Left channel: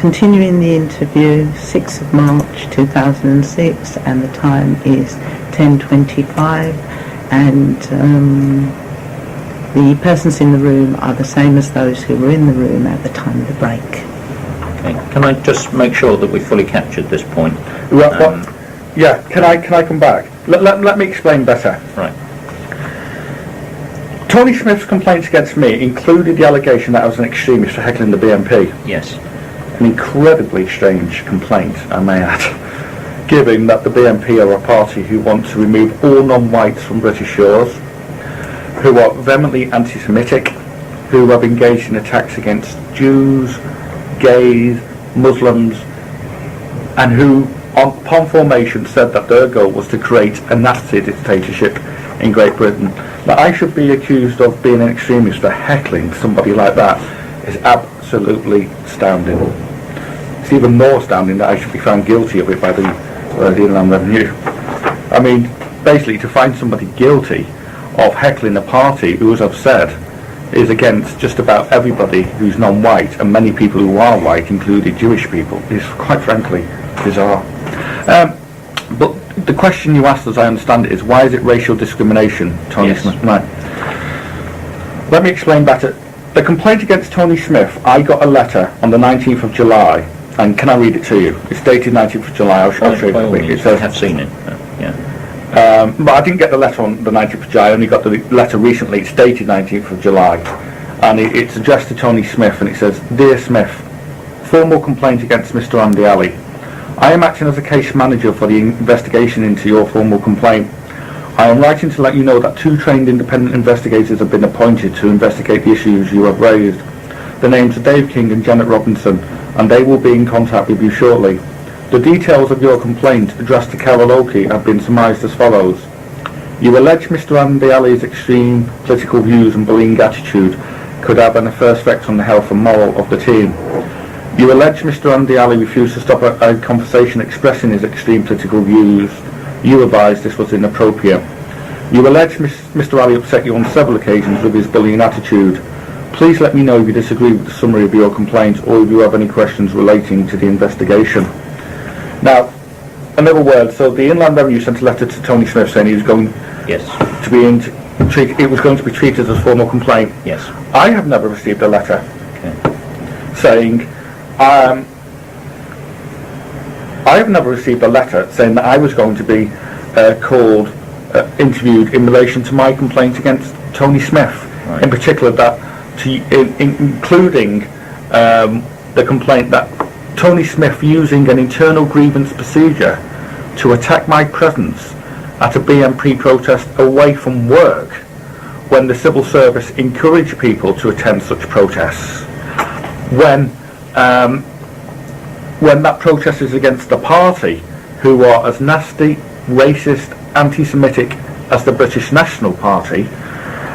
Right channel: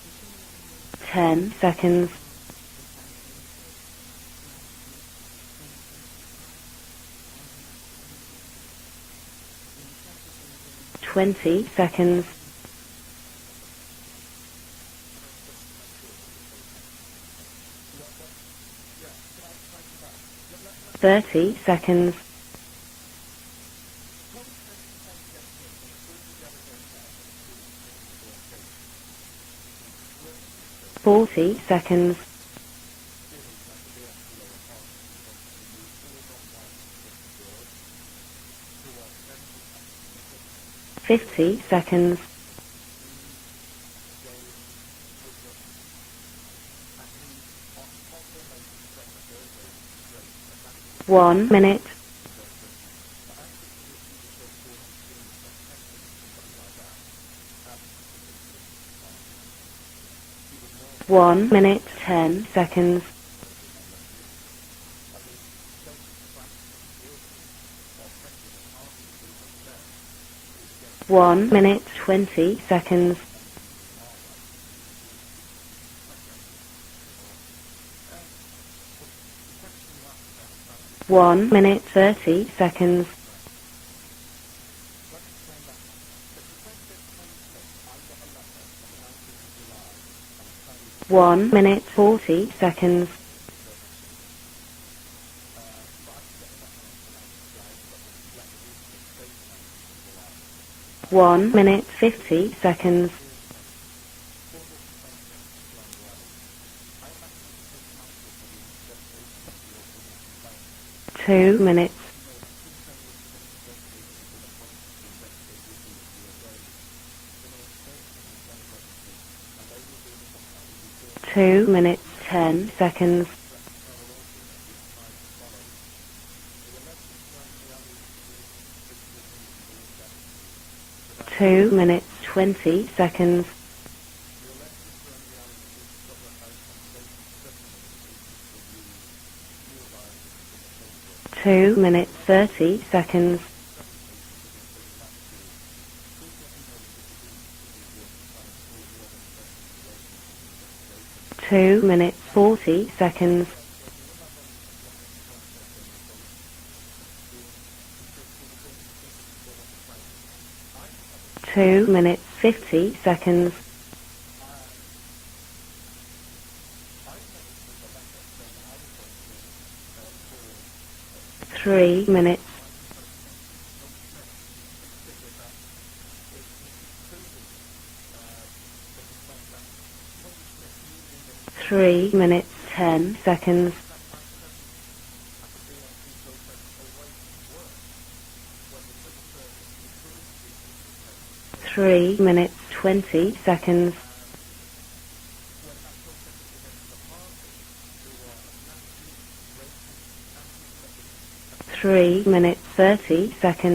continuing the interview, 6th of March 2006, and the time is 10:25, and the persons in the room are the same as those who were in the room at the time of the break. Okay. Can I just make sure that we fully captured this point? Yeah, can I come back? Let me explain better. Right. Tony Smith's complaints against me included the allegation that I was an extremist for heckling the BNP. Yes. An incredibly strange complaint, I may add, given that the BNP are a party who want to remove all non-whites from British shores, who are vehemently anti-Semitic, who have engaged in attacks against Jews, gays, Muslims, and who, upon formation, said that their goal was to create a Nazi dictatorship in Great Britain. That I should be accused of being an extremist for heckling somebody like that is absolutely astounding. It's even more astounding that I should be found guilty of it by the Inland Revenue. I mean, basically, to find somebody guilty of heckling a party who, as I've said, is against just about everybody who's non-white, and many people who are white, including Jewish people, is quite frankly bizarre. But the question you asked, as I understand it, is why is it racial discrimination, Tony Smith? Right. Let me explain better. The complaint against Tony Smith, I got a letter on the 19th of July, and can I read it to you? It's dated 19th of July, I'll show you quick. It says, I have seen it, yeah. But I didn't get the letter on the 19th of July, I only got the letter recently. It's dated 19th of July, and it's addressed to Tony Smith, and it says, Dear Smith, formal complaint against Mr. Andy Ali. I am acting as a case manager for the investigation into your formal complaint. I am writing to let you know that 2 trained independent investigators have been appointed to investigate the issues you have raised. The names are Dave King and Janet Robinson, and they will be in contact with you shortly. The details of your complaint addressed to Carol Oakey have been surmised as follows. You allege Mr. Andy Ali's extreme political views and bullying attitude could have an adverse effect on the health and moral of the team. You allege Mr. Andy Ali refused to stop a conversation expressing his extreme political views. You advised this was inappropriate. You allege Mr. Ali upset you on several occasions with his bullying attitude. Please let me know if you disagree with the summary of your complaint or if you have any questions relating to the investigation. Now, another word. So the Inland Revenue sent a letter to Tony Smith saying he was going to be it was going to be treated as formal complaint. Yes. I have never received a letter saying I have never received a letter saying that I was going to be interviewed in relation to my complaint against Tony Smith, in particular that, including the complaint that Tony Smith using an internal grievance procedure to attack my presence at a BNP protest away from work when the civil service encouraged people to attend such protests, when that protest is against the party who are as nasty, racist, anti-Semitic as the British National Party,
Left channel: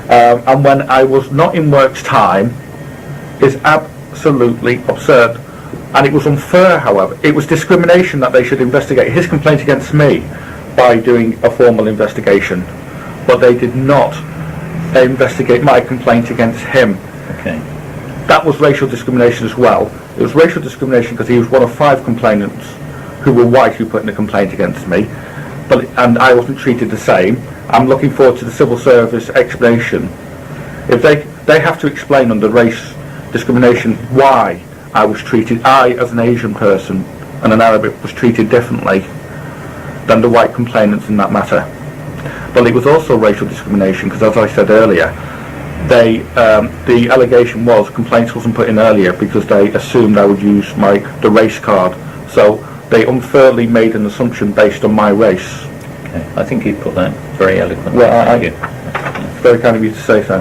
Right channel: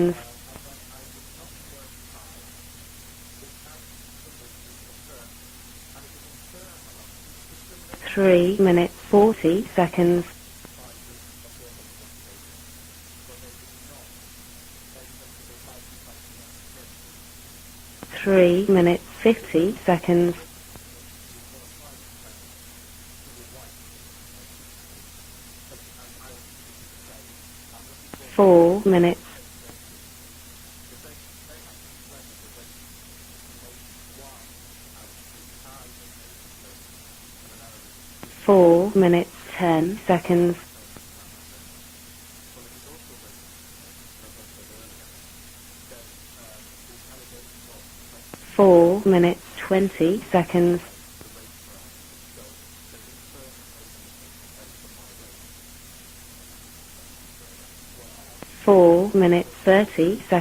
and when I was not in work's time, is absolutely absurd. And it was unfair, however. It was discrimination that they should investigate his complaint against me by doing a formal investigation, but they did not investigate my complaint against him. Okay. That was racial discrimination as well. It was racial discrimination because he was one of 5 complainants who were white who put in a complaint against me, and I wasn't treated the same. I'm looking forward to the civil service explanation. If they have to explain under race discrimination why I as an Asian person and an Arab was treated differently than the white complainants in that matter. But it was also racial discrimination because, as I said earlier, the allegation was complaints wasn't put in earlier because they assumed I would use the race card. So they unfairly made an assumption based on my race. Okay. I think you put that very eloquently. Well, Thank you. Very kind of you to say so.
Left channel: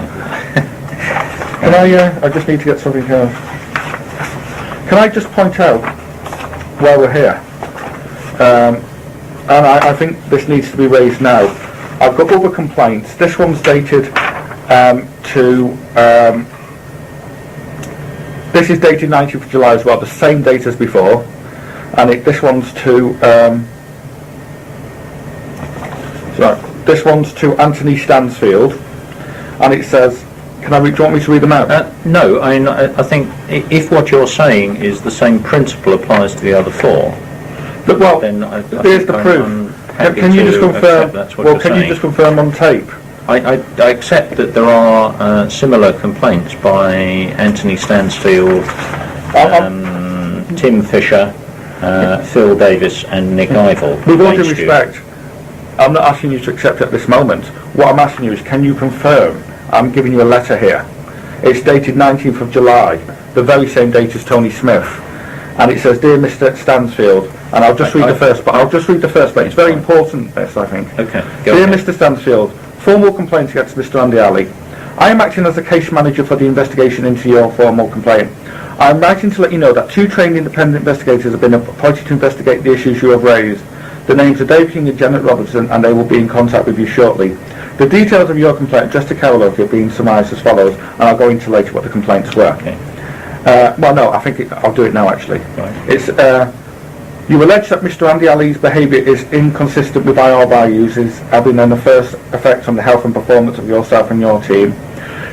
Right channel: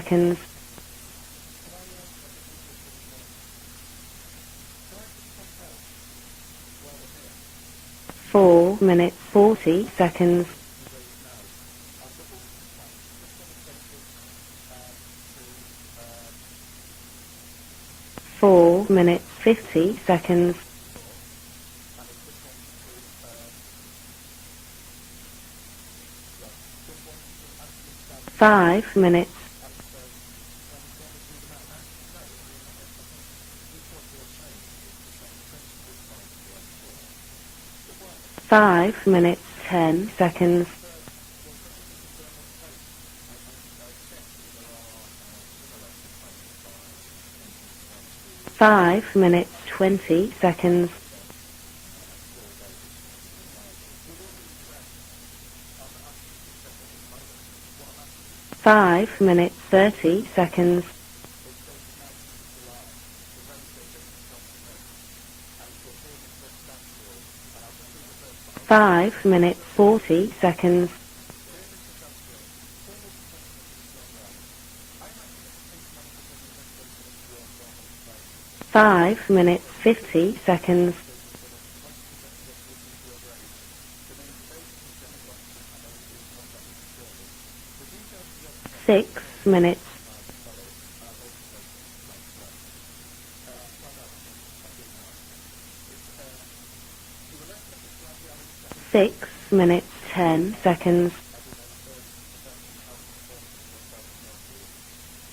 Can I just need to get something here. Can I just point out why we're here? And I think this needs to be raised now. I've got other complaints. This one's dated this is dated 19th of July as well, the same date as before, and this one's to this one's to Anthony Stansfield, and it says Can do you want me to read them out? No, I think if what you're saying is the same principle applies to the other four, But, well, then I think here's the proof. Can you just confirm? Well, can you just confirm on tape? I accept that there are similar complaints by Anthony Stansfield, 5 minutes, 20 Tim seconds. Fisher, Phil Davis and Nick Ivel. With all due against you. respect, I'm not asking you to accept at this moment. What I'm asking you is, can you 5 confirm? minutes, I'm giving you a letter 30 here. It's dated 19th of July, the very same date as Tony Smith. And it says, Dear Mr. Stansfield, and I'll just read the first, but I'll just read the first bit. It's very 40 important, this, I think. seconds. Okay, go Dear ahead. Mr. Stansfield, formal complaint against Mr. Andi Ali. I am acting as a case manager for the investigation into your formal complaint. I am writing to let you know that 2 trained independent investigators have been appointed to investigate the issues you have raised. The names are Dave King and Janet Robertson, and they will be in contact with you shortly. The details of your complaint, just to cover those, have been summarised as follows, and I'll go into later what the complaints were. Okay. Well, no, I think I'll do it now, actually. Right. It's, you allege that Mr. Andi Ali's behaviour is inconsistent with our values, is having an adverse effect on the health and performance of yourself and your team.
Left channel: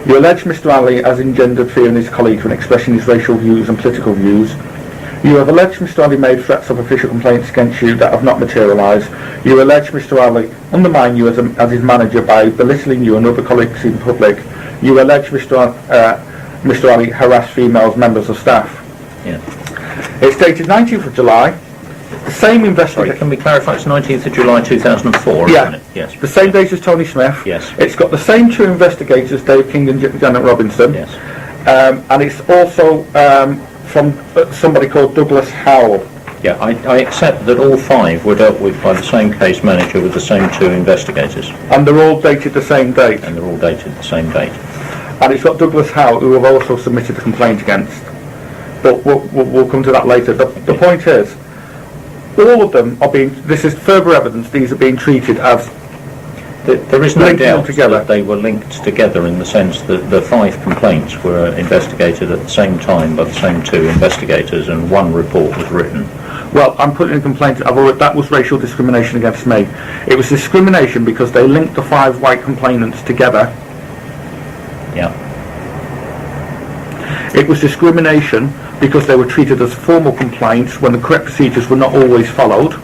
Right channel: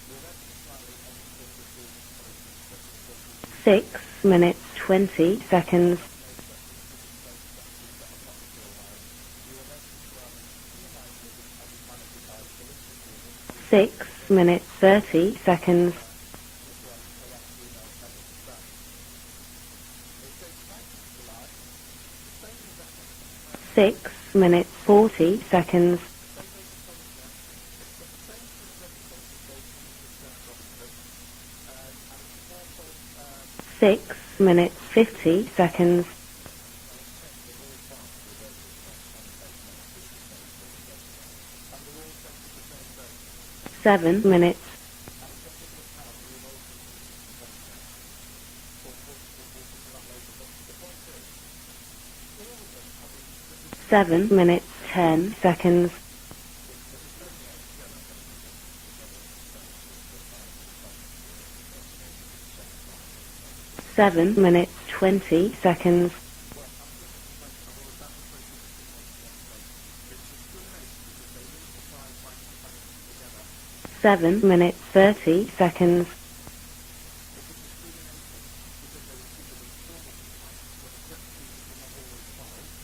You allege Mr. Ali has engendered fear in his colleagues when expressing his racial views and political views. You have alleged Mr. Ali made threats of official complaints against you that have not materialised. You allege Mr. Ali undermined you as his manager by belittling you and other colleagues in public. You allege Mr. Ali harassed female members of staff. Yeah. It's dated 19th of July. The same Sorry, investigation. can we clarify it's 19th of July 2004? Yeah. isn't it? Yes. The same date as Tony Smith. Yes. It's got the same 2 investigators, Dave King and Janet Robinson. Yes. And it's also from somebody called Douglas Howell. Yeah, I accept that all 5 were dealt with by the same case manager with the same 2 investigators, And they're all dated the same date. and they're all dated the same date. And it's got Douglas Howell, who have also submitted a complaint against. But we'll come to that later. The point is, all of them are being, this is further evidence, these are being treated as There is no linking them doubt together. that they were linked together in the sense that the 5 complaints were investigated at the same time by the same 2 investigators, and 1 report was written. Well, I'm putting a complaint, that was racial discrimination against me. It was discrimination because they linked the 5 white complainants together. 7 minutes, 30 seconds. It was discrimination because they were treated as formal complaints when the correct procedures were not always followed.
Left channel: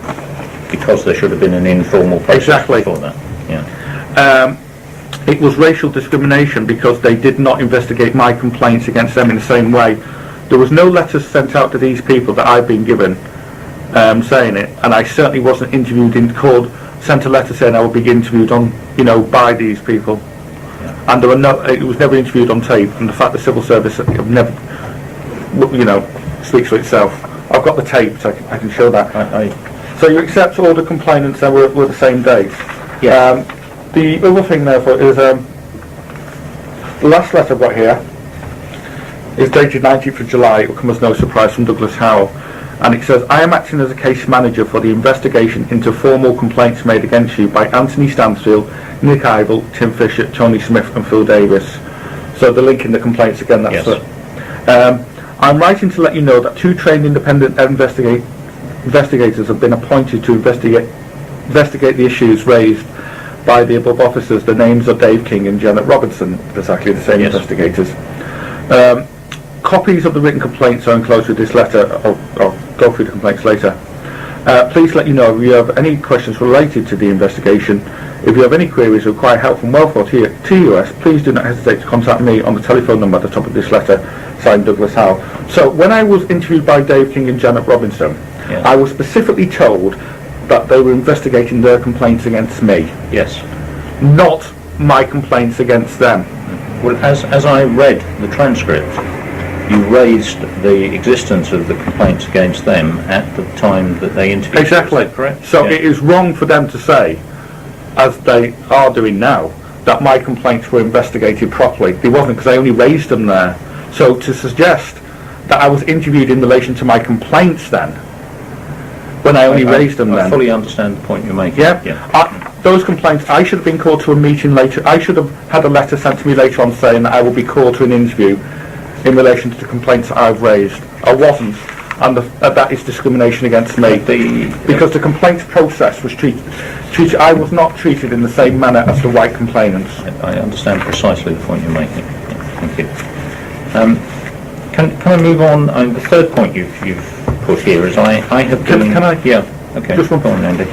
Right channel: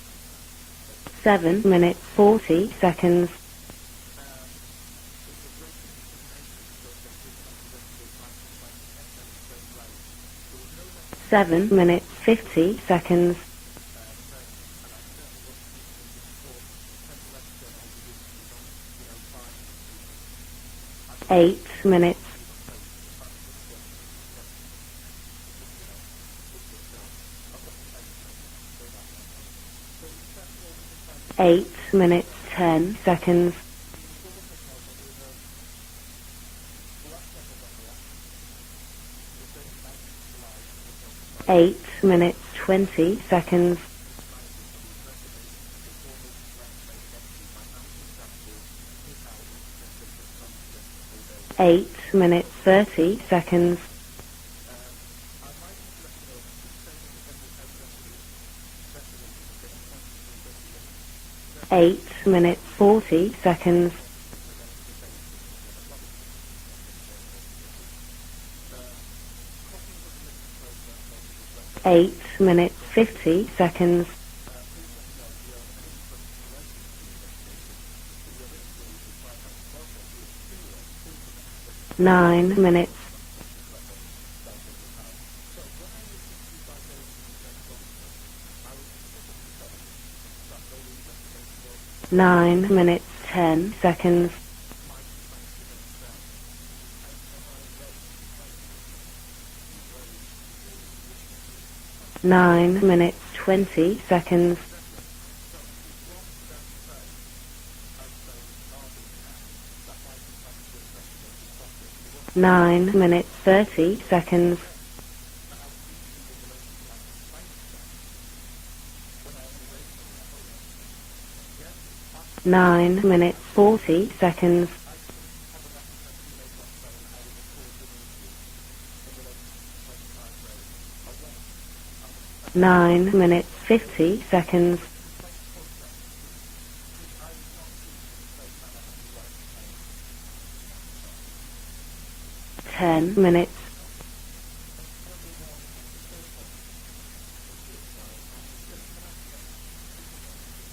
Because there should have been an 7 informal minutes, process. Exactly. for that. seconds. Yeah. It was racial discrimination because they did not investigate my complaints against them in the same way. There was no letters sent 7 out to these minutes, people that I've been 50 given seconds. saying it, and I certainly wasn't interviewed sent a letter saying I would be interviewed on, by these people. And there were it was never interviewed on tape, and the fact the civil service have never, speaks for itself. I've got the tape, so I can show that. So you accept all the complainants that were the same date. 10 Yeah. The other thing, therefore, is the last letter I've got here is dated 19th of July. It will come as no surprise from Douglas Howell. And it says, I am acting as a case manager for the investigation into formal complaints made against you by Anthony Stansfield, Nick Ivel, Tim Fisher, Tony Smith and Phil Davis. 8 minutes, So they're linking the 30 complaints again. seconds. That's it. I'm writing to let you know that 2 trained independent investigators have been appointed to investigate the issues 8 minutes, raised 40 by the seconds. above officers. The names are Dave King and Janet Robertson, exactly the same Yes. investigators. Copies of the written complaints are enclosed with this letter. 8 I'll minutes, go through the complaints 50 later. seconds. Please let you know if you have any questions related to the investigation. If you have any queries or require help from welfare to TUS, please do not hesitate to contact me on the telephone number at the top of this letter, signed Douglas Howell. So when I was interviewed by Dave King and Janet Robinson, Yes. I was specifically told that they were investigating their complaints 9 against me, minutes, Yes. 10 seconds. not my complaints against them. Well, as I read the transcript, you raised the existence of the complaints against 9 them minutes, at the 20 time that they seconds. interviewed. Exactly. Is that correct? So Yeah. it is wrong for them to say, as they are doing now, that my complaints were investigated properly. They wasn't, because I only 9 raised them there. minutes, 30 So to seconds. suggest that I was interviewed in relation to my complaints then, when I only raised them I then. fully understand the point you're making. Yeah, those 9 complaints, I should have been called to a meeting minutes, later. I should have had a letter sent to me later on saying that I will be called to an interview in relation to the complaints that I've raised. I wasn't, and that is 9 discrimination against me. minutes, 50 seconds. Because the complaints process was treated, I was not treated in the same manner as the white complainants. I understand precisely the point you're making. Thank you. 10 minutes. Can I move on? The third point you've put here is I have been... Can I? Yeah. Okay. Just one Go on, Andy.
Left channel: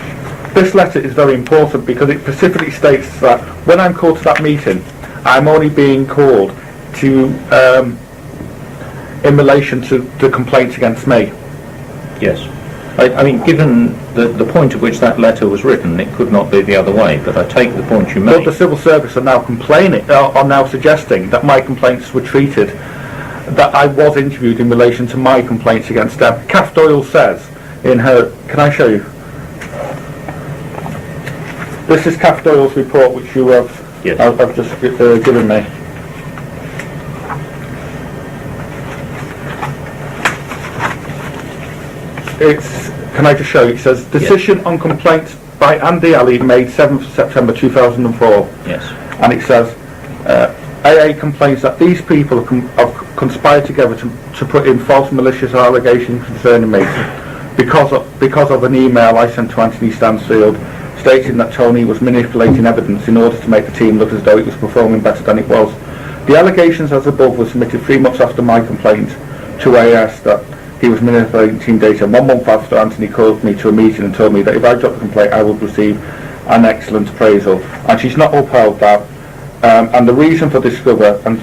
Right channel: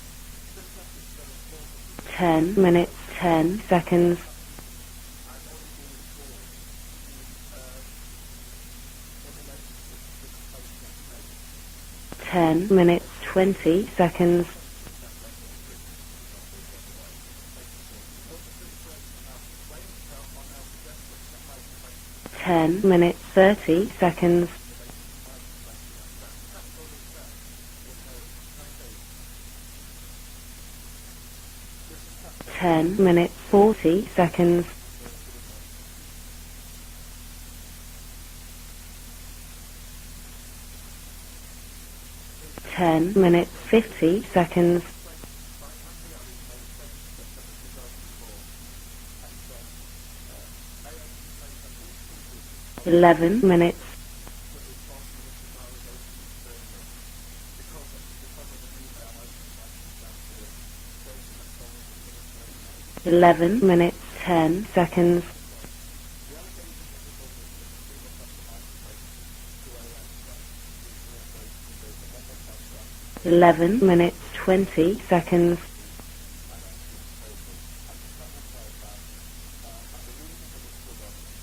This letter is very important because it 10 specifically minutes, states that 10 when I'm called to that meeting, I'm only being called to, in relation to the complaints against me. Yes. 10 minutes. I mean, 20 given seconds. the point at which that letter was written, it could not be the other way, but I take the point you But made. the civil service are now complaining, are now suggesting that my complaints were treated, 10 minutes, 30 that I was seconds. interviewed in relation to my complaints against them. Kath Doyle says in her, can I show you? This is Kath Doyle's 10 report, which minutes, you have 40 Yes. I've just given me. It's, can I just show you? It says, 50 decision seconds. on complaints by Andi Ali made 7th September 2004. Yes. And it says, AA complains that these people have 11 conspired minutes. together to put in false malicious allegations concerning me because of an email I sent to Anthony Stansfield stating that Tony was manipulating evidence in order to 11 make the team look as though it was performing better than it was. The allegations as above were submitted 3 months after my complaint to AS that he was manipulating team data. 1 month after, Anthony called me to a 11 meeting and minutes, told me that if I dropped the complaint I would receive an excellent appraisal, and she's not upheld that. And the reason for discover and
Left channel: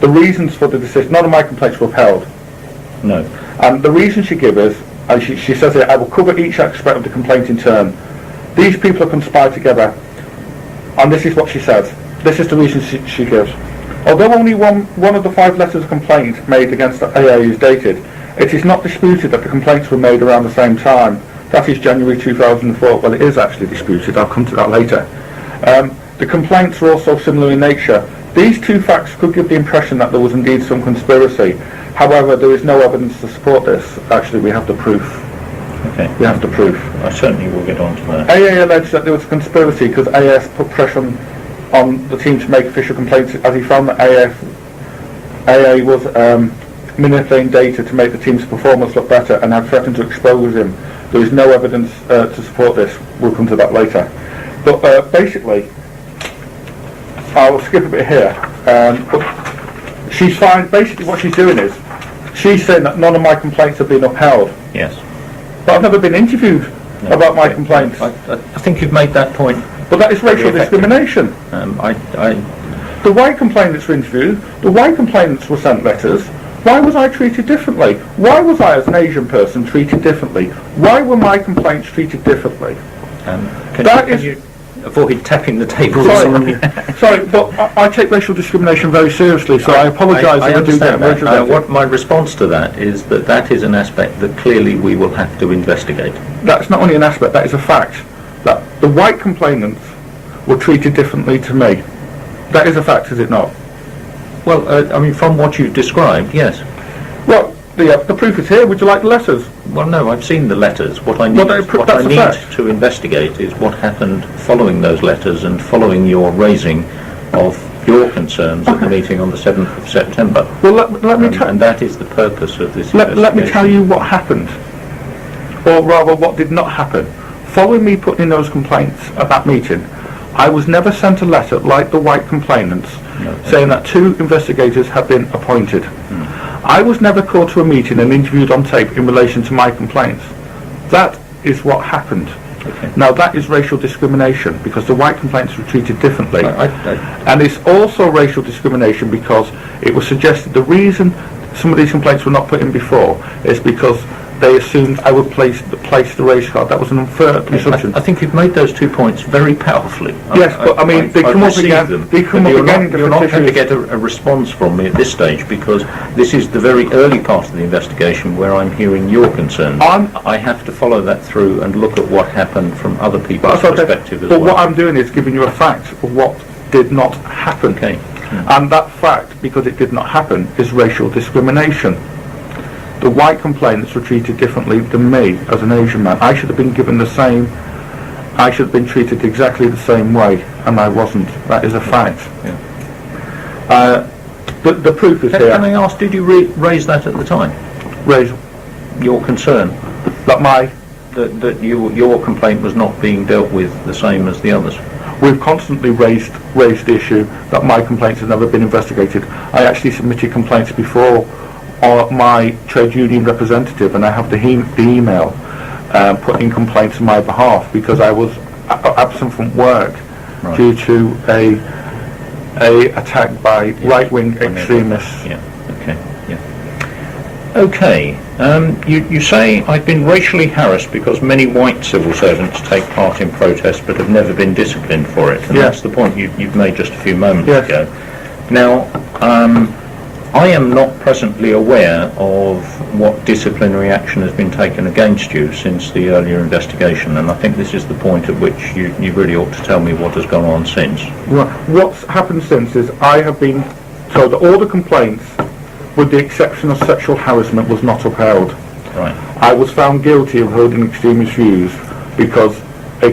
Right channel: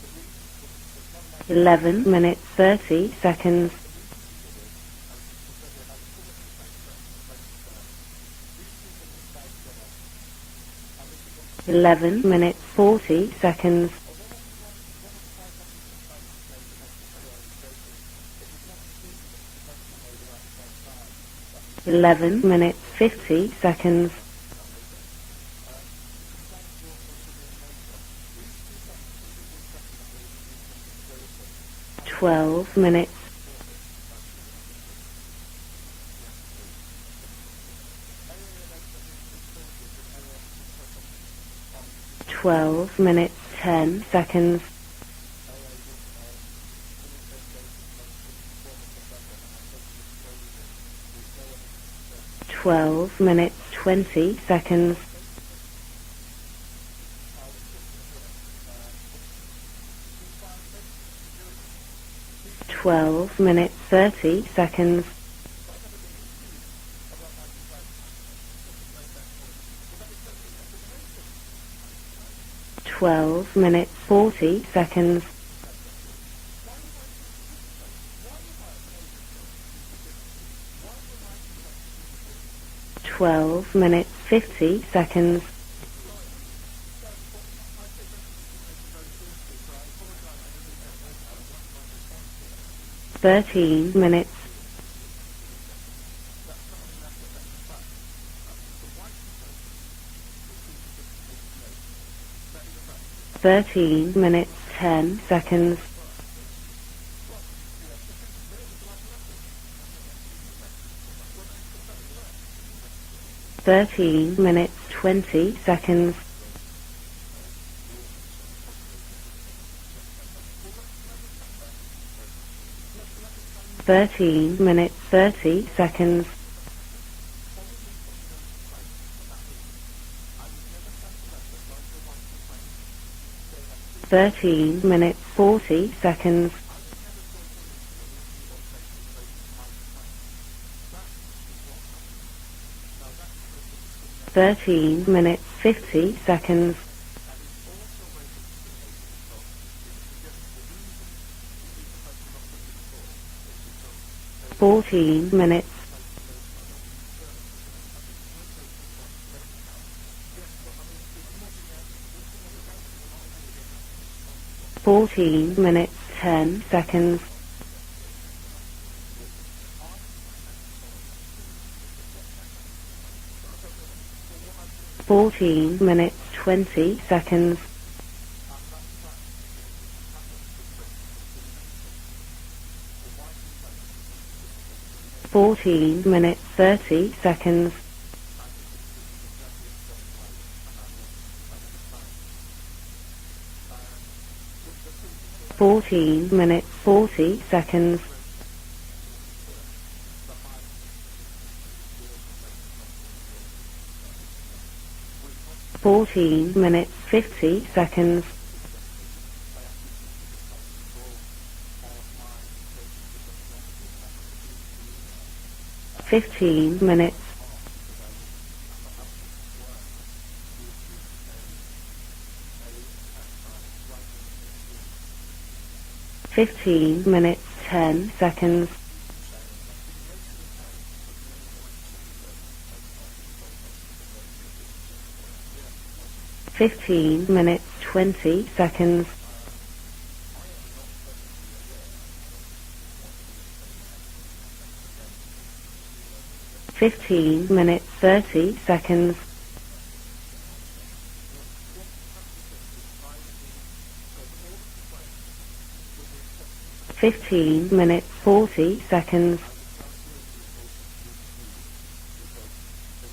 the reasons for the decision, none of my complaints were 11 upheld. minutes, 30 No. seconds. And the reason she gives us, and she says here, I will cover each aspect of the complaint in turn. These people have conspired together, and this is what she says. 11 This is the minutes, reason 40 she gives. seconds. Although only one of the 5 letters of complaint made against AA is dated, it is not disputed that the complaints were made around the same time. That is January 11 2004. Well, it is minutes, actually 50 disputed. I'll come to that later. The complaints were also similar in nature. These 2 facts could give the impression that there was indeed some conspiracy. However, there is no 12 evidence to support this. Actually, we have the proof. Okay. We have the proof. I certainly will get on to that. AA alleged that there was a conspiracy because AS put pressure on the team to make 12 official complaints minutes, as he found that 10 AA seconds. was manipulating data to make the team's performance look better and had threatened to expose him. There is no evidence to support this. 12 We'll come to that minutes, later. 20 seconds. But basically, I'll skip a bit here. But she's fine. Basically, what she's doing is she's saying that none of my 12 complaints have been minutes, upheld. 30 seconds. Yes. But I've never been interviewed No. about my complaints. I think you've made that point. But that is racial Very effective. discrimination. I The white complainants were interviewed. The white complainants were sent letters. Why was I treated differently? Why was I, as an Asian person, treated differently? Why were my complaints treated differently? 12 can That minutes, is- 50 avoid seconds. tapping the table. Sorry, but I take racial discrimination very seriously, so I apologise I if I do get understand that. racial What my response to that is that that is an aspect that clearly we will have to investigate. That's not only an aspect, that is a fact. That the white complainants were treated differently to me. That is a fact, is it not? 13 minutes. Well, I mean, from what you've seconds. described, yes. Well, the proof is here. Would you like the letters? Well, no, I've seen the letters. What I need, Well, what I that's a need fact. to investigate is what 13 happened following those letters and following your raising of your concerns at the meeting on the 7th of September. Well, let me tell And that is the purpose of this let me tell you what 13 happened. minutes, 30 Or rather, seconds. what did not happen. Following me putting in those complaints at that meeting, I was never sent a letter like the white complainants No. saying that 2 13 investigators had been minutes, 40 appointed. seconds. I was never called to a meeting and interviewed on tape in relation to my complaints. That is what happened. Okay. Now that is racial discrimination because the white 13 complaints were minutes, treated 50 differently. seconds. And it's also racial discrimination because it was suggested the reason some of these complaints were not put in before is because they assumed I would place the race card. That was an unfair assumption. I think you've made those 2 points very powerfully. Yes, but I mean, they come up received again- them, they come but up you're again not, in you're not different going to issues. get a response from me at this stage because this is the very early part of the investigation where I'm hearing your concerns. I have to follow that through and look at what happened from other people's That's okay. perspective as But well. what I'm doing is giving you a 14 fact minutes, of what 20 did not seconds. happen. Okay. And that fact, because it did not happen, is racial discrimination. The white complainants were treated differently than me as an Asian man. I should have been given the same, I should have been treated exactly the same way, and I wasn't. That is a fact. The proof is Can I here. ask, did you raise that at the time? Raise Your concern that my, that your complaint was not being dealt with the same as the others? We've constantly raised the issue that my complaints have never been investigated. I actually submitted complaints before my trade union representative, and I have the email putting complaints on my behalf because I was absent from work due to a attack by right-wing extremists. Yeah. Okay. Yeah. 15 minutes. Okay. 10 seconds. You say I've been racially harassed because many white civil servants take part in protests but have never been disciplined for it. And that's the point you've made just a few moments ago. 20 Now, seconds. I am not presently aware of what disciplinary action has been taken against you since the earlier investigation, and I think this is the point at which you really ought to tell me what has gone on since. Right. What's happened since is I have been told that all the complaints, with the exception of sexual harassment, was not upheld. 40 Right. seconds. I was found guilty of holding extremist views because a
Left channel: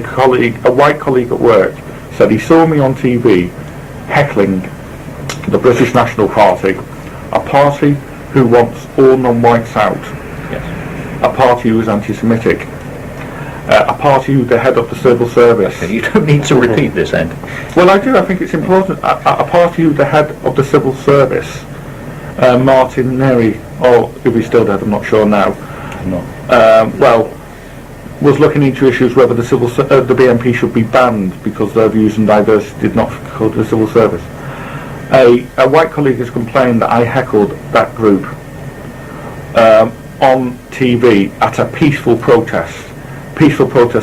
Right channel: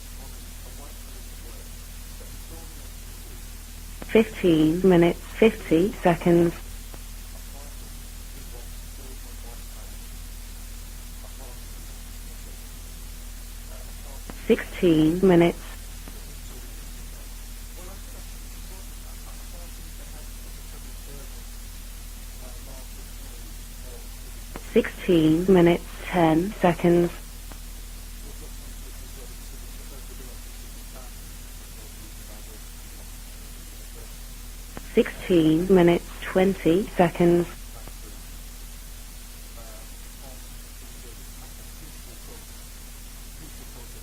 white colleague at work, said he saw me on TV heckling 15 minutes. the British 50 National seconds. Party, a party who wants all non-whites out, Yes. a party who is anti-Semitic, a party who the head of the civil service. You don't need to repeat this, Andi. Well, I do. I think it's important. A party who the head of the civil service, Martin Neri, or if he's still dead, I'm not sure 15 now. minutes, 10 seconds. Well, was looking into issues whether the the BNP should be banned because their views and diversity did not go to the civil service. 16 A white minutes, colleague has 20 complained that I seconds. heckled that group on TV at a peaceful protest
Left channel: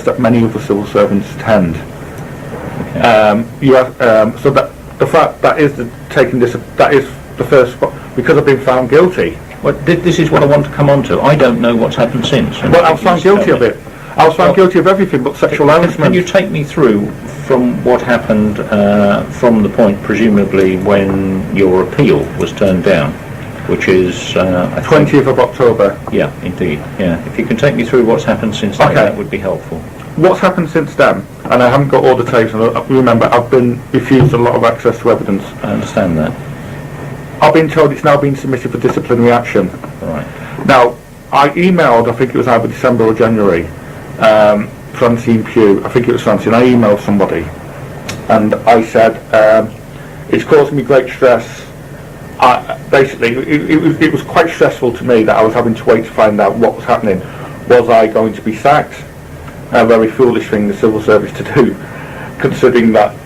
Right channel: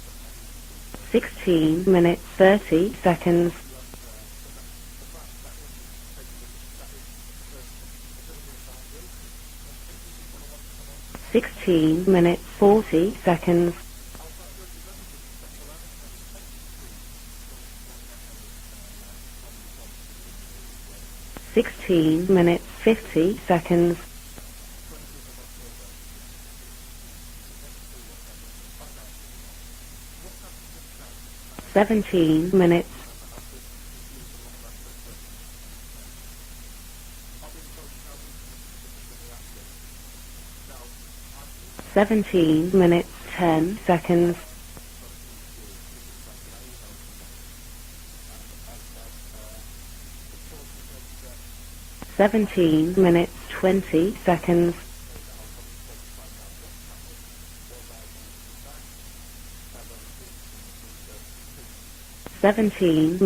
that many of the civil servants attend. 15 minutes, 30 So that the fact that is that is the first because I've been found guilty. Well, this is what I want to come on to. I don't know what's happened since. Well, I was found guilty of it. I was found guilty of everything but sexual Can you harassment. take me through from what happened from the point, presumably, when your appeal was turned down, which is, I think, 20th of October. yeah, indeed, yeah. If you can take me through what's happened since then, Okay. that would be helpful. What's happened since then? And I haven't got all the tapes. And remember, I've been refused a lot of access to evidence. I understand that. I've been told it's now been submitted for disciplinary action. Right. Now, I emailed, I think it was either December or January, Francine Pugh, I think it was Francine, I emailed somebody, and I said, it's causing me great stress. Basically, it was quite stressful to me that I was having to wait to find out what was happening. Was I going to be sacked? A very foolish thing the civil service to do, considering that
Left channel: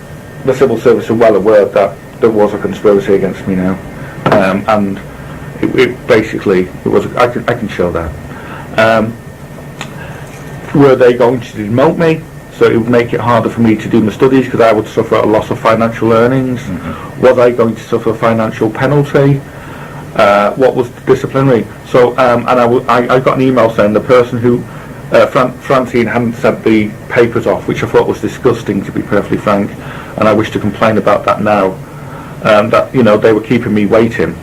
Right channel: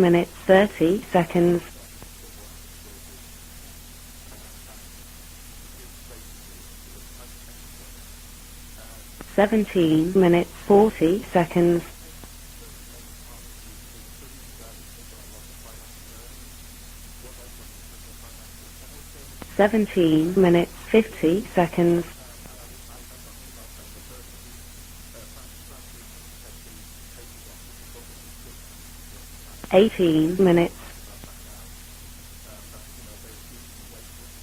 the civil service are well aware that there was a conspiracy against me now, and it basically was. I can show that. 17 minutes. Were they 40 going to seconds. demote me, so it would make it harder for me to do my studies because I would suffer a loss of financial earnings? Was I going to suffer a financial penalty? 17 What minutes, was 50 disciplinary? seconds. So, and I got an email saying the person who Francine hadn't sent the papers off, which I thought was disgusting, to be perfectly frank. 18 And I wish to minutes. complain about that now. That they were keeping me waiting.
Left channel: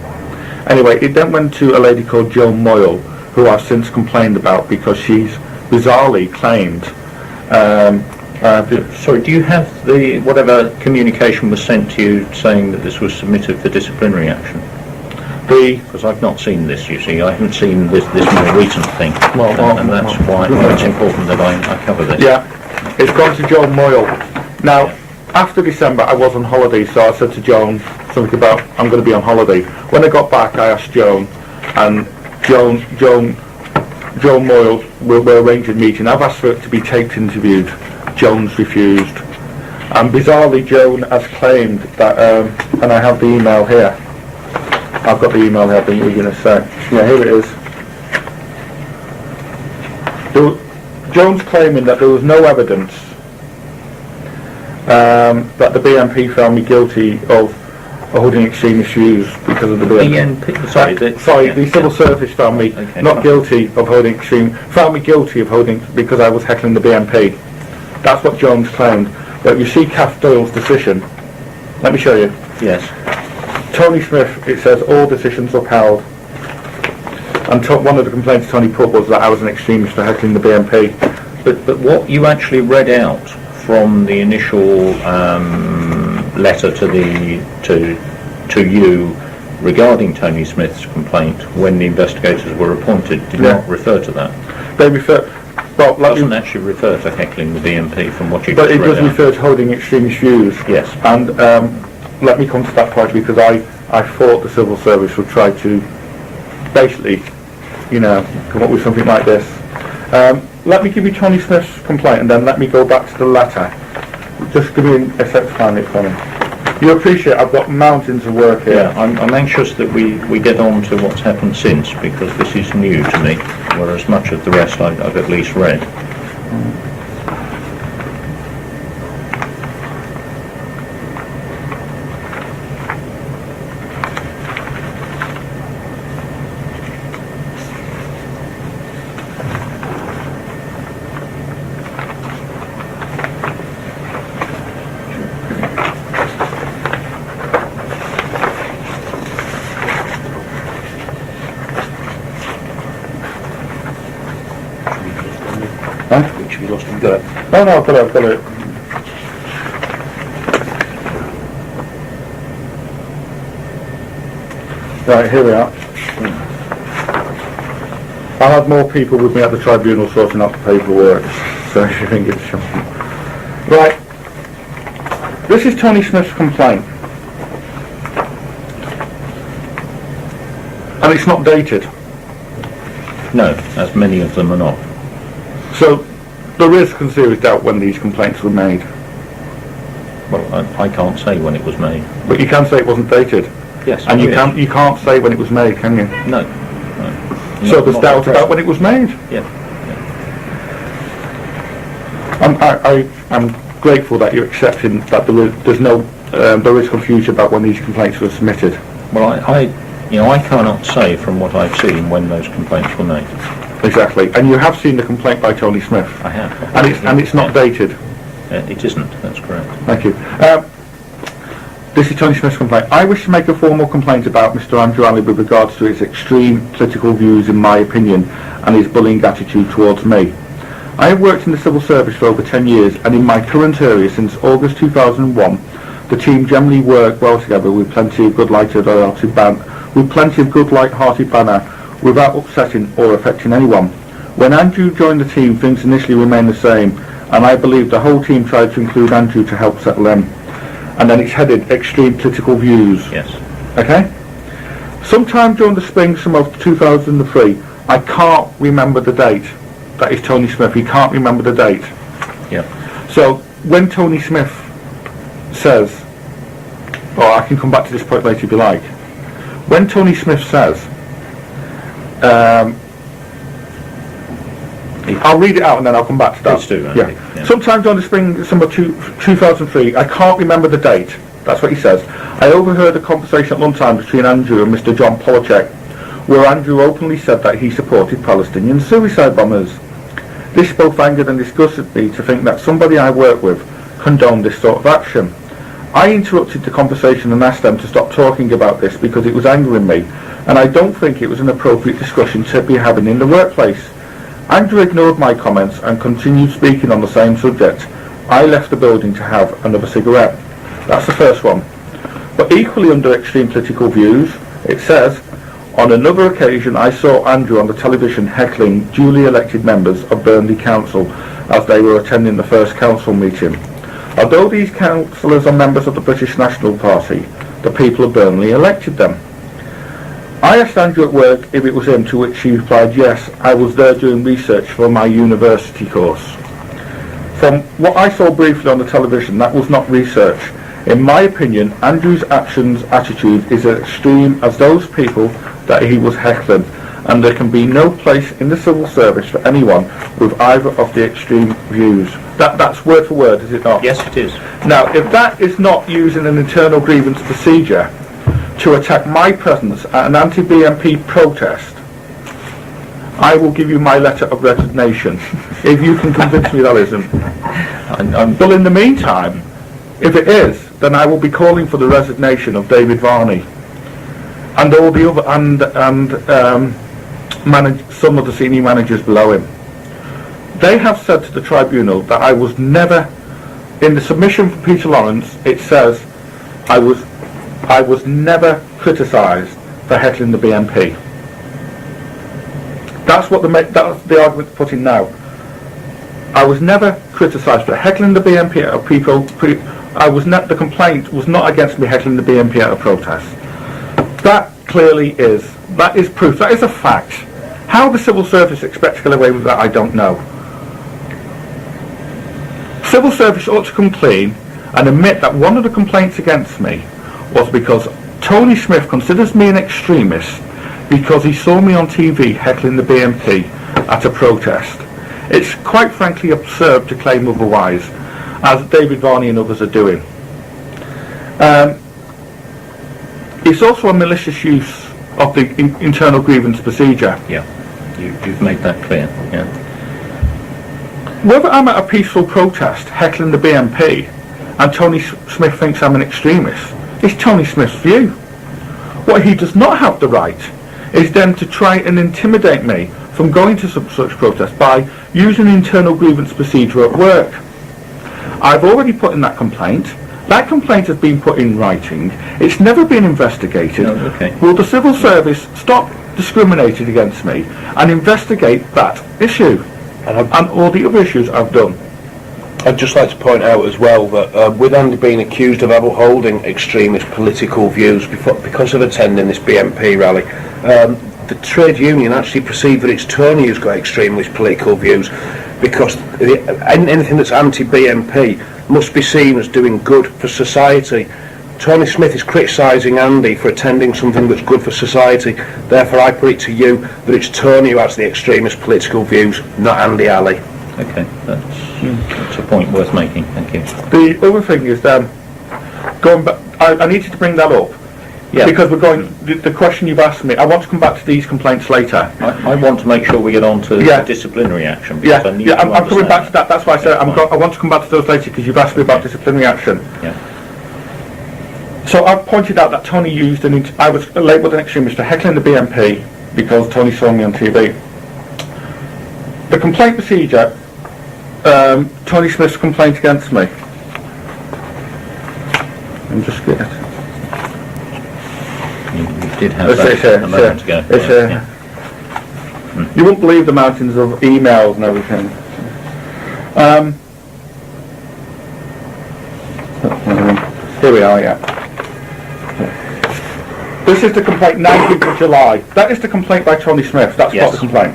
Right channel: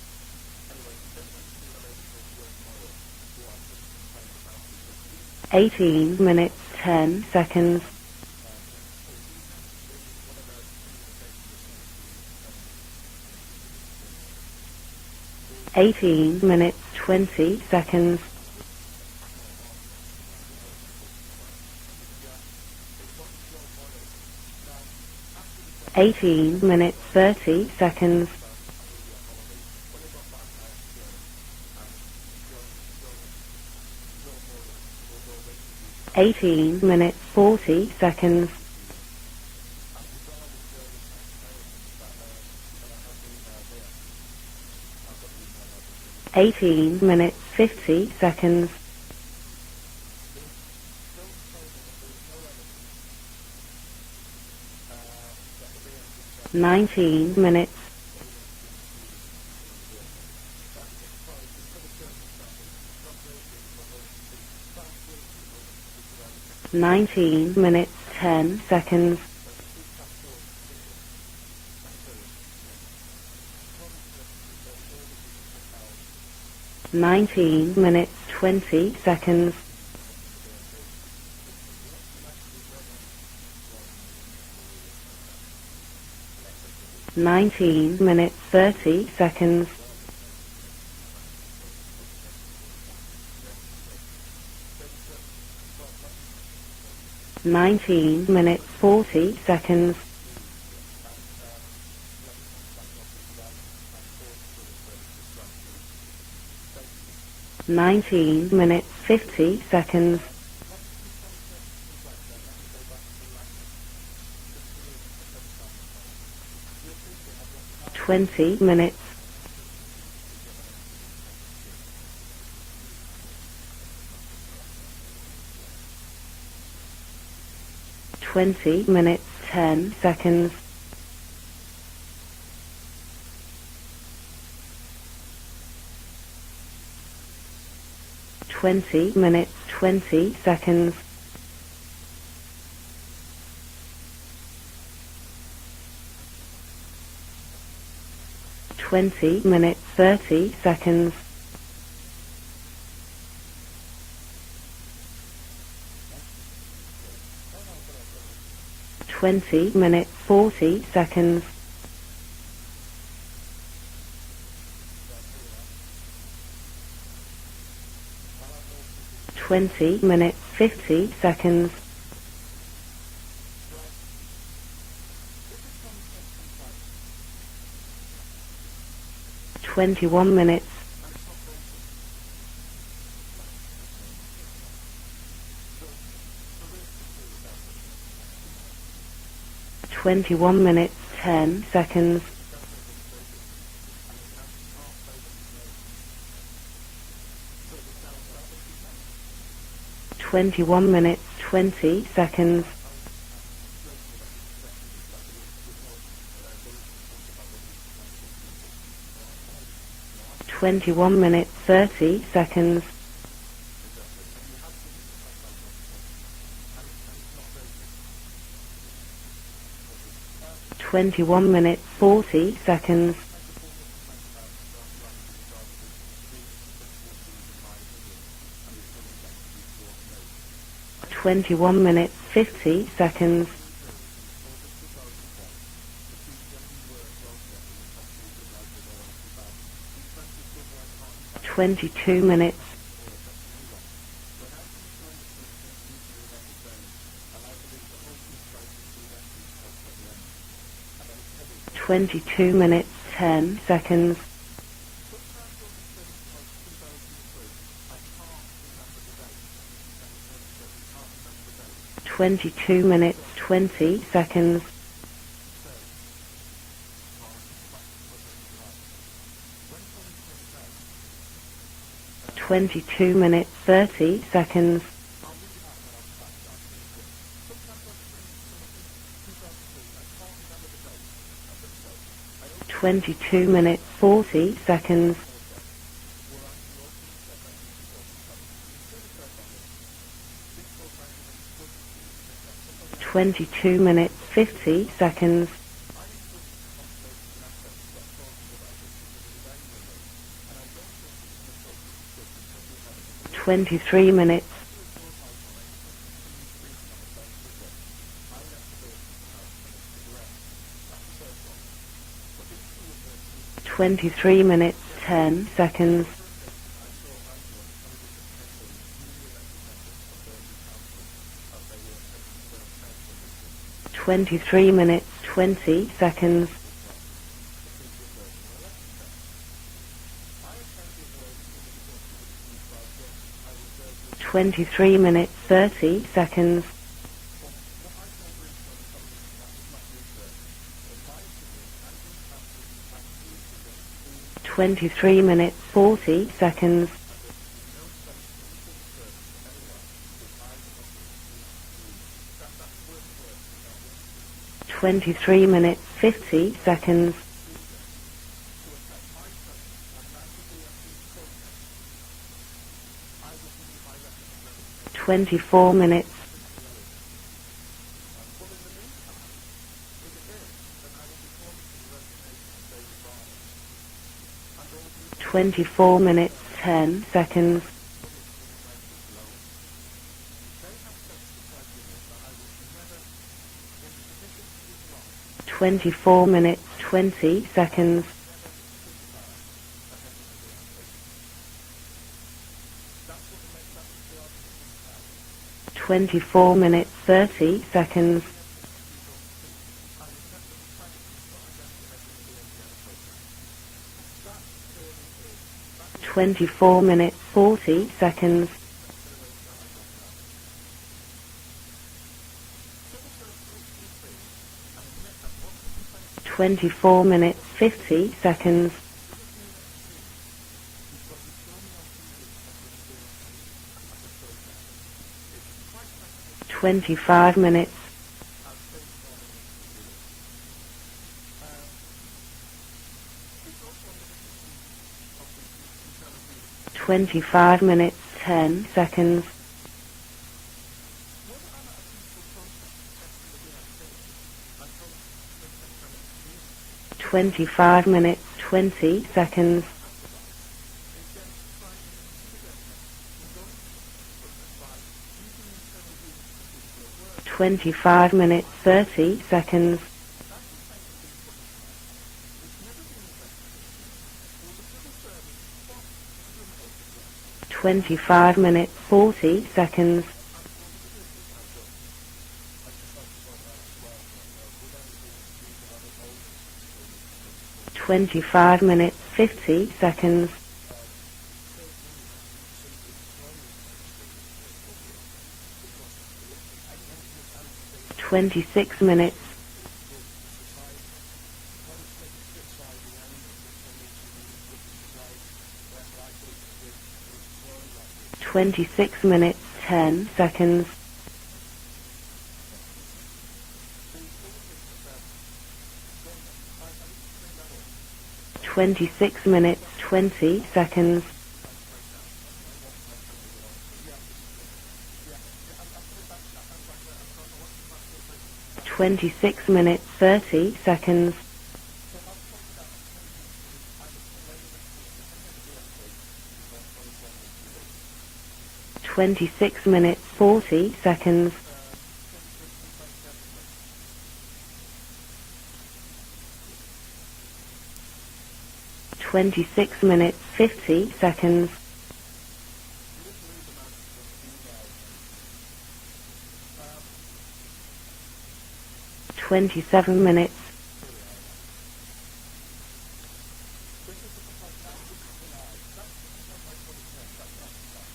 Anyway, it then went to a lady called Joan Moyle, who I've since complained about because she's 18 bizarrely minutes, claimed. 10 seconds. Sorry, do you have the whatever communication was sent to you saying that this was submitted for disciplinary action? Because I've not seen this, you see. I haven't seen this more recent thing, and that's why it's important that I cover this. Yeah, it's gone to Joan Moyle. Now, after December, I was on holiday, so I said to Joan something about I'm going to be on holiday. When I got back, I asked Joan, and Joan Moyle will arrange a meeting. I've asked for it to be taped interviewed. Joan's refused. And bizarrely, Joan has claimed that, and I have the email here. I've got the email here, I think you're going to say. 18 Yeah, here it is. 50 seconds. Joan's claiming that there was no evidence that the BNP found me guilty 19 of minutes. holding extremist views because of the BNP. BNP, sorry, The civil service found me Okay. not guilty of holding found me guilty of holding because I was heckling the 19 BNP. minutes, That's what 10 Jones claimed. seconds. But you see Kath Doyle's decision. Let me show you. Yes. Tony Smith, it says all decisions upheld. 19 And one of the complaints Tony put was that I was an seconds. extremist for heckling the BNP. But what you actually read out from the initial letter to 19 minutes, to 30 you seconds. regarding Tony Smith's complaint when the investigators were appointed did Yeah. not refer to that. They refer. Well, It doesn't actually refer to heckling the BNP from what you but it just does read out. refer to holding extremist views. Yes. And let me come to that point, because I thought the civil service would try to basically, you know, come up with something like this. Let me give you Tony Smith's complaint, and then let me go back to the letter. Just give me a sec to find it for me. You appreciate I've got mountains of work here. Yeah, I'm anxious that we get on to what's happened since, because this is new to me, whereas much of the rest I've at least read. 20 minutes, 10 seconds. Minutes, 20 seconds. 20 minutes, 30 seconds. Huh? Which we lost and got. No, no, I've got it. 20 minutes, 40 seconds. Right, here we are. I had more people with me at the tribunal sorting out the paperwork, so if you think it's shocking. Right, this is Tony Smith's complaint, 21 minutes. and it's not dated. No, as many of them are not. So there is some serious doubt when these complaints were made, 21 Well, minutes. I can't say when it was 10 made. seconds. but you can say it wasn't dated, Yes. and you yes. can't say when it was made, can you? No. So there's Not doubt at present. about when it was made. Yeah. 21 minutes, 20 seconds. I'm grateful that you're accepting that there is confusion about when these complaints were submitted. Well, I cannot say from what I've seen when those complaints were made. Exactly, and you have seen the complaint by Tony Smith, I have. and it's not dated. It isn't, that's correct. Thank you. 21 minutes. This is Tony 40 Smith's complaint. seconds. I wish to make a formal complaint about Mr. Andrew Alley with regards to his extreme political views, in my opinion, and his bullying attitude towards me. I have worked in the civil service for over 10 years, and in my current area since August 2001, the team generally work well together with plenty of good light-hearted banter, without upsetting or affecting anyone. When Andrew joined the team, things initially remained the same, and I believe the whole team tried to include Andrew to help settle them. And then it's headed extreme political views. Yes. Okay? Sometime during the spring summer of 2003, I can't remember the date. That is Tony Smith. He can't remember the date. 22 minutes. So 20 when Tony seconds. Smith says, or I can come back to this point later if you like. When Tony Smith says, 22 minutes, 30 seconds. I'll read it out and then I'll come back to that. Please do, Andy. Yeah. Yeah. Sometime during the spring summer 2003, I can't remember the date. That's what he says. I overheard a conversation at lunchtime between Andrew and Mr. John Polachek, where Andrew openly said that he supported Palestinian suicide bombers. This both angered and disgusted me to think that somebody I work with 22 minutes, condoned this sort of 60 action. seconds. I interrupted the conversation and asked them to stop talking about this because it was angering me, and I don't think it was an appropriate discussion to be having in the workplace. 23 minutes. Andrew ignored my comments and continued speaking on the same subject. I left the building to have another cigarette. That's the first one. But equally under extreme political 23 views, minutes, it says, 10 seconds. on another occasion I saw Andrew on the television heckling duly elected members of Burnley Council as they were attending the first council meeting. Although 23 these minutes, councillors are members of the 30 British seconds. National Party, the people of Burnley elected them. I asked Andrew at work if it was him, to which he replied, yes, I was there doing research for 23 my minutes, university 30 course. seconds. From what I saw briefly on the television, that was not research. In my opinion, Andrew's attitude is as extreme as those 23 people minutes, that he was 30 heckling, seconds. and there can be no place in the civil service for anyone with either of the extreme views. That's word for word, is it not? Yes, it is. Now, if that 23 is not minutes, using an 50 internal seconds. grievance procedure to attack my presence at an anti-BNP protest, I will give you my letter of resignation 24 if you can convince me that isn't. But in the meantime, if it is, then I will be calling for the resignation of David Varney and all the other 24 minutes, 10 seconds. some of the senior managers below him. They have said to the tribunal that I was never, in the submission from Peter Lawrence, it says 24 minutes, I was 20 seconds. I was never criticised for heckling the BNP. That's the argument put in now. I was never criticised for heckling the BNP out of people. The complaint was not against me heckling the BNP out of protest. That clearly is. That is proof. That is a fact. How the civil service expects to get away with that, I don't know. Civil service ought to come clean and admit that one of the complaints against me was because Tony Smith considers me an extremist because he saw me on TV heckling the BNP at a protest. It's quite frankly absurd to claim otherwise, as David Varney and others are doing. It's also a malicious use of the internal grievance procedure. Yeah. You've made that clear. Yeah. Whether I'm at a peaceful protest heckling the BNP and Tony Smith thinks I'm an extremist is Tony Smith's view. What he does not have the right is then to try and intimidate me from going to such protest by using internal grievance procedure at work. 25 minutes. I've already put in that complaint. That complaint has been put in writing. It's never been investigated. No, okay. Will the civil service stop discriminating against me and investigate that issue and all the other issues I've done? I'd just like to point out as well that with Andy being accused of upholding extremist political views because of attending this BNP rally, the trade union actually perceived that it's Tony who's got extremist political views, because anything that's anti-BNP must be seen as doing good for society. Tony Smith is criticising Andy for attending something that's good for society. Therefore, I put it to you that it's Tony who has the extremist political views, not Andy Alley. Okay, that's a point worth making. Thank you. The other thing is, going back, I needed to bring that up. Yeah. Because we're going, the question you've asked me, I want to come back to these complaints later. I want to make sure we get on to disciplinary action. I'm coming back to that. That's why I said I want to come back to those later, because you've asked me about disciplinary action. 30 seconds. So I've pointed out that Tony used I was labelled an extremist for heckling the BNP because Tony saw me on TV. 26 The complaint minutes, procedure, 40 seconds. Tony Smith's complaint against me. I'm just scared. You did have that a moment ago. You won't believe the mountains of emails and everything. 27 minutes. Here we are, yeah. This is the complaint, 19th of July. That is the complaint by Tony Smith. That's not the complaint.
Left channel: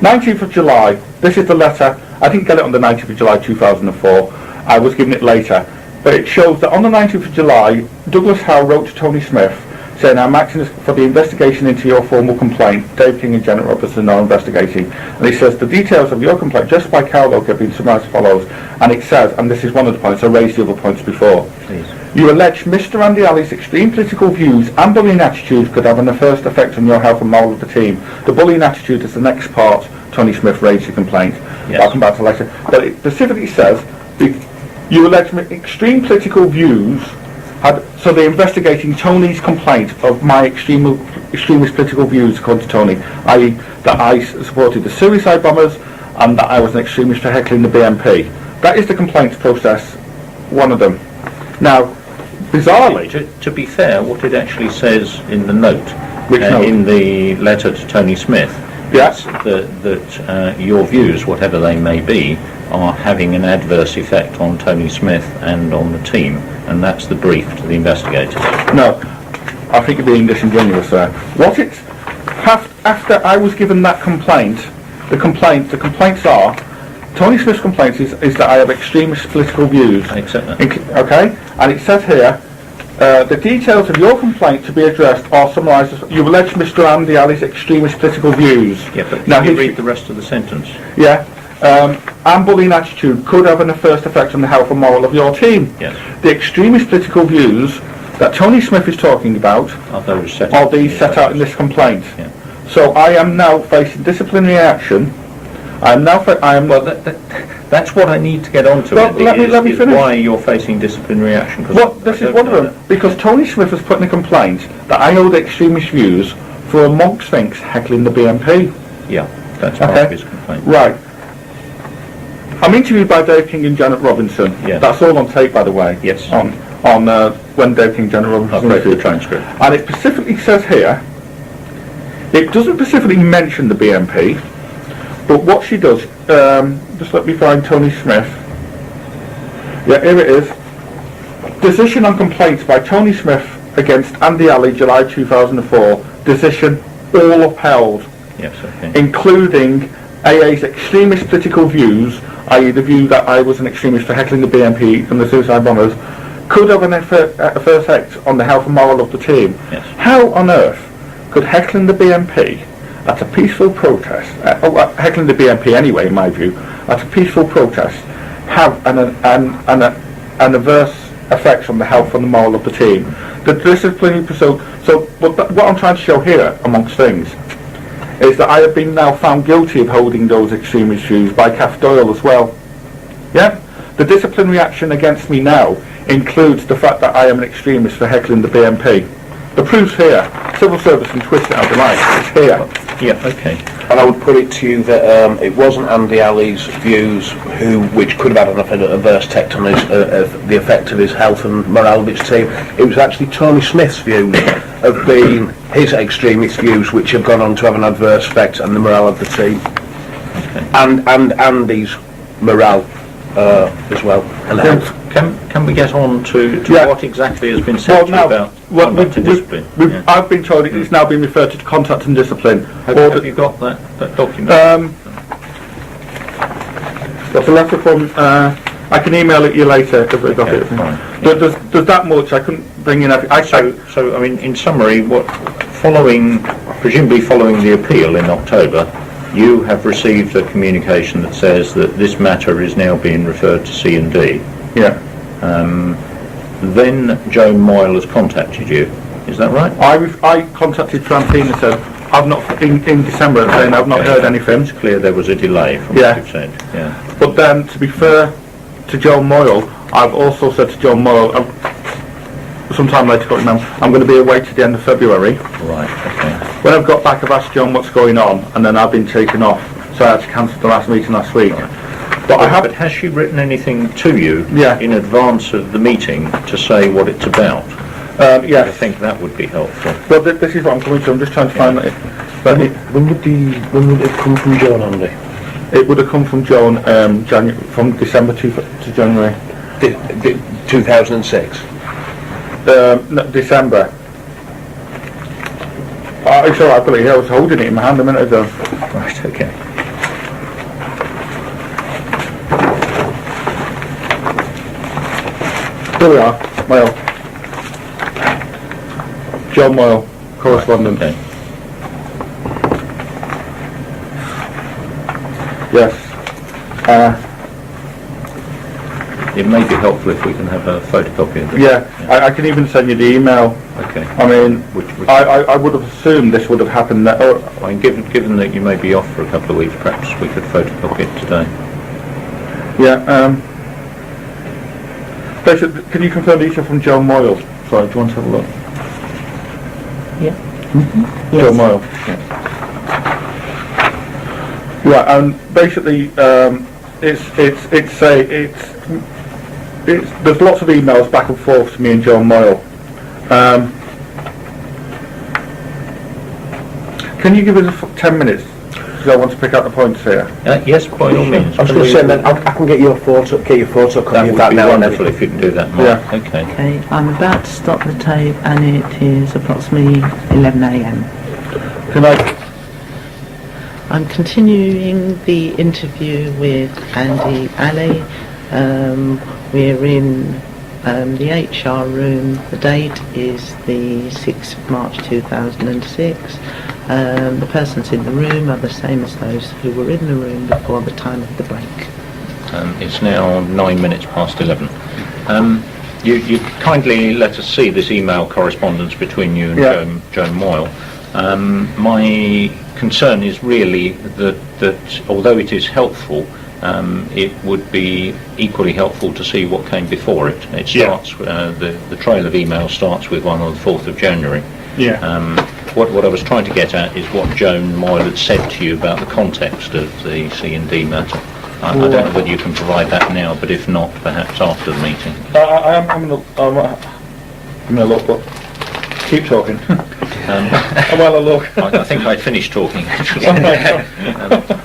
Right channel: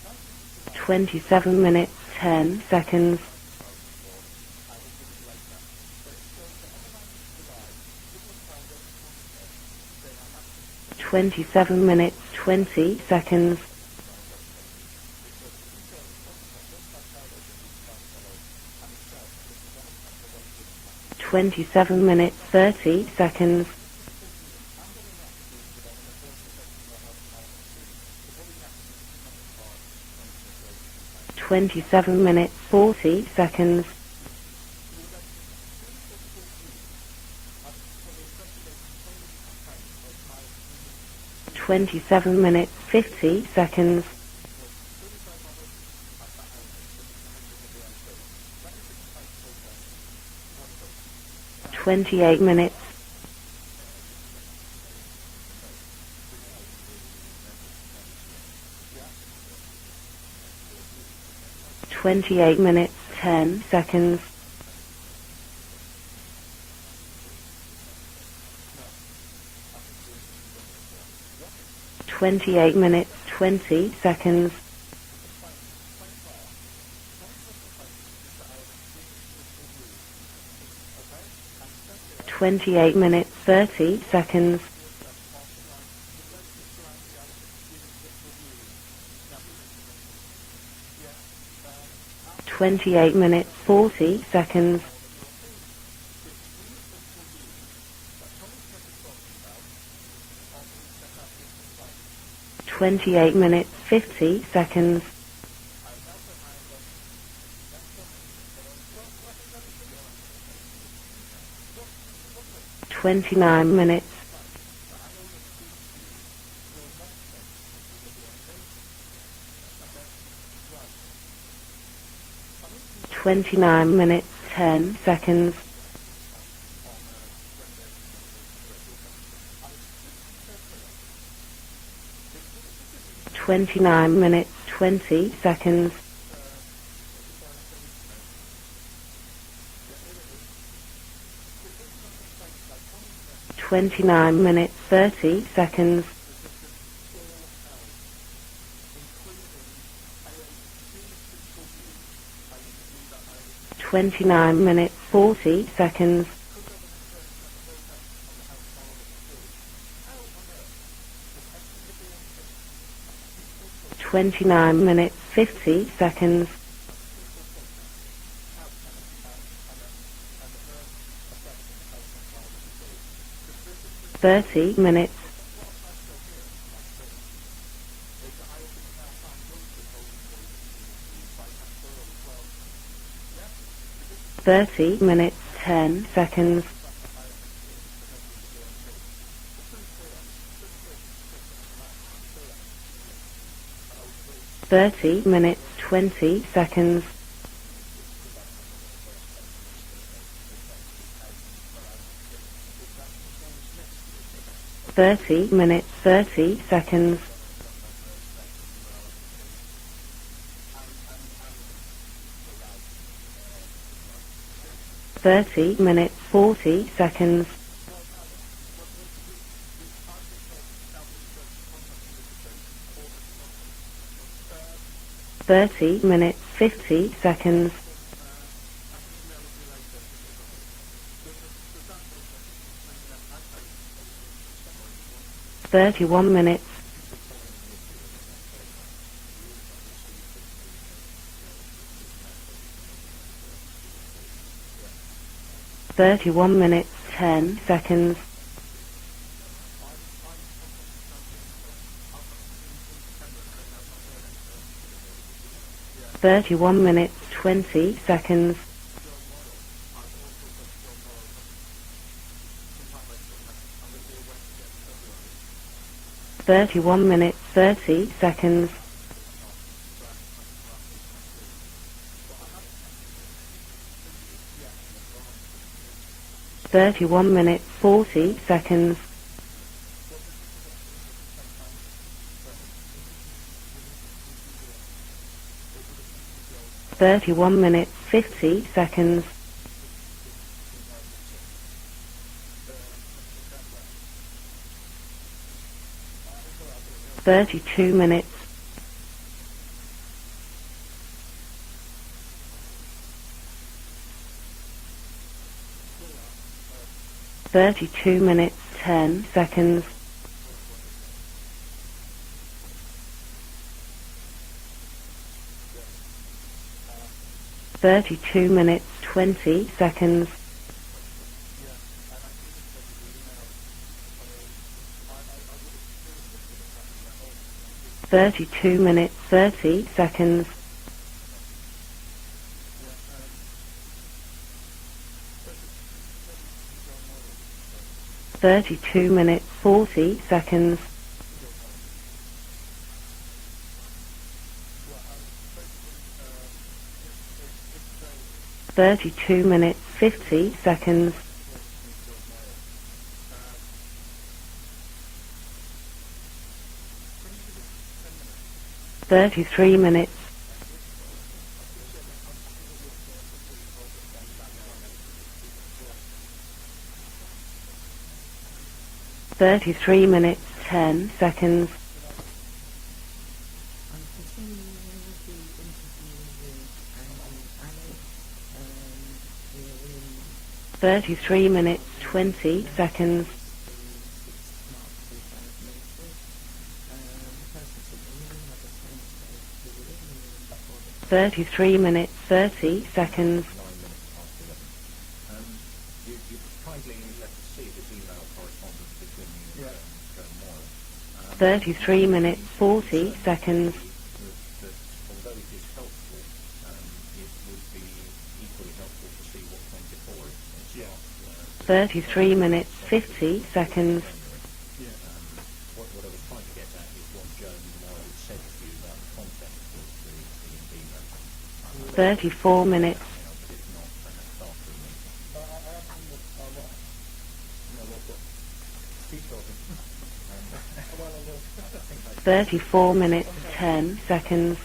19th of July. This is the letter. I didn't get it on the 19th of July 2004. I was given it later. But it shows that on the 19th of July, Douglas Howe wrote to Tony Smith saying, I'm acting for the investigation into your formal complaint. Dave King and Janet Robertson are investigating. And he says, the details of your complaint, just by Cowloke, have been summarised as follows. And it says, and this is one of the points, I raised the other points before. You allege Mr. Andy Alley's extreme political views and bullying attitudes could have an adverse effect on your health and morale of the team. The bullying attitude is the next part Tony Smith raised the complaint. That's about the letter. But it specifically says, you allege extreme political views. So they're investigating Tony's complaint of my extremist political views, according to Tony, i.e. that I supported the suicide bombers and that I was an extremist for heckling the BNP. That is the complaints process, one of them. Now, bizarrely, to be fair, what it actually says in the note, note? In the letter to Tony Smith, yes, that your views, whatever they may be, are having an adverse effect on Tony Smith and on the team, and that's the brief to the investigators. No, I think you're being disingenuous there. What it's after I was given that complaint, the complaints are, Tony Smith's complaint is that I have extremist political views. I accept that. Okay, and it says here, the details of your complaint to be addressed are summarised as, you allege Mr. Andy Alley's extremist political views. Yeah, but now can you read the rest of the sentence? Yeah. And bullying attitude could have an adverse effect on the health and morale of your team. Yes. The extremist political views that Tony Smith is talking about are these set out in this complaint. Yeah. So I am now facing disciplinary action. That's what I need to get on to. Well, let me finish. Why you're facing disciplinary action? Well, this is one of them. Because Tony Smith has put in a complaint that I hold extremist views for a Monk Sphinx heckling the BNP. Yeah, that's part of his complaint. Right. I'm interviewed by Dave King and Janet Robinson. Yeah. That's all on tape, by the way. Yes. On when Dave King and Janet Robinson. I've read the transcript. And it specifically says here, it doesn't specifically mention the BNP, 20 But what she seconds. does, just let me find Tony Smith. Yeah, here it is. Decision on complaints by Tony Smith against 29 Andy Alley, July 30 2004. seconds. Decision all upheld, Yes, okay. including AA's extremist political views, i.e. the view that I was an extremist for heckling the 29 BNP minutes, and the suicide 40 bombers, seconds. could have an adverse effect on the health and moral of the team. Yes. How on earth could heckling the BNP at a peaceful protest, 29 minutes, heckling the BNP anyway, in my view, at a peaceful protest, have an adverse effects on the health and the moral of the team? The discipline. 30 So minutes. what I'm trying to show here, amongst things, is that I have been now found guilty of holding those extremist views by Kath Doyle as well. Yeah? The disciplinary 30 action against me minutes, now 10 includes the fact that I am an extremist for heckling the BNP. The proof's here. Civil service can twist it how they like. It's here. Yeah, okay. And I would put it to you 30 that it minutes, wasn't Andy 40 Alley's seconds. views which could have had an adverse effect on the effect of his health and morale of his team. It was actually Tony Smith's views of 30 being minutes, his 30 extremist views which have gone on to have an adverse effect on the morale of the team. And Andy's morale as well. And health. Can we get on to Yeah. what exactly has been Well, said to you now, about well, conduct and discipline? Yeah. I've been told it's now been referred to contact and discipline. Have you got that document? 30 minutes, 50 That's a seconds. letter from, I can email it you later if I got Okay, it. fine. There's that much, I couldn't bring in everything. So, I mean, in summary, 31 minutes. presumably following the appeal in October, you have received a communication that says that this matter is now being referred to C&D. Yeah. 31 minutes. Then 10 Joan Moyle has seconds. contacted you. Is that right? I contacted Francine and said, I've not, in December, saying I've not Okay. heard anything. It's clear there was a delay from Yeah. what you said. 31 Yeah. minutes. But then, to be 20 fair, seconds. to Joan Moyle, I've also said to Joan Moyle, sometime later, got now, I'm going to be away to the end of February. Right, okay. When I've got 31 back, I've minutes, asked John what's 30 going on, seconds. and then I've been taken off, so I had to cancel the last meeting last week. But I But have, has she written anything to you Yeah. in advance of the meeting to say what it's 31 about? minutes, 40 yeah. I seconds. think that would be helpful. well, this is what I'm coming to, I'm just trying to find it. But When would it come from Joan, Andy? it would have come from Joan, 31 minutes, from December to 50 seconds. January. 2006. No, December. It's alright, I've got it here, I was holding it in my hand a minute ago. Right, okay. Here we are, Moyle, 32 minutes, 10 seconds. John Moyle, correspondent. Okay. Yes. 32 minutes, 20 It may be helpful if seconds. we can have a photocopy of it. Yeah, I can even send you the email. Okay. I mean, Which I would have assumed this would have happened, I mean, given that you may be off for a couple of weeks, perhaps we could photocopy it today. yeah, basically, can you confirm these are from Joan Moyle? Sorry, do you want to have a look? 32 minutes, 40 Yeah. seconds. Joan Moyle. Yeah, and basically, it's 32 minutes, 50 there's lots of emails seconds. back and forth to me and Joan Moyle. Can you give us 10 minutes? Because I want to pick out the 33 points here. Yes, by all means. I was going to say, then I can get your photo That copy of would that be now. wonderful if you can do that, Mark. Yeah. Okay. Okay, I'm about to stop the tape and it is 33 approximately minutes, 11 10 a.m. seconds. Can I? I'm continuing the interview with Andy Alley. We're in the 33 HR minutes, room. 20 The date seconds. is the 6th of March 2006. The persons in the room are the same as those who were in the room before the time of the 33 break. minutes, 30 It's seconds. now 9 minutes past 11. You kindly let us see this email correspondence between you and Yeah. Joan Moyle. 33 My minutes, 40 concern is seconds. really that although it is helpful, it would be equally helpful to see what came before it. It starts, the trail of email starts with one on the 4th of January. Yeah. What I was trying to get at is what Joan Moyle had said to you about the context of the C&D matter. I don't know whether you can provide that now, but if not, perhaps after the meeting. I'm going to look, but Keep talking. While I look. I think I finished talking. 34 minutes,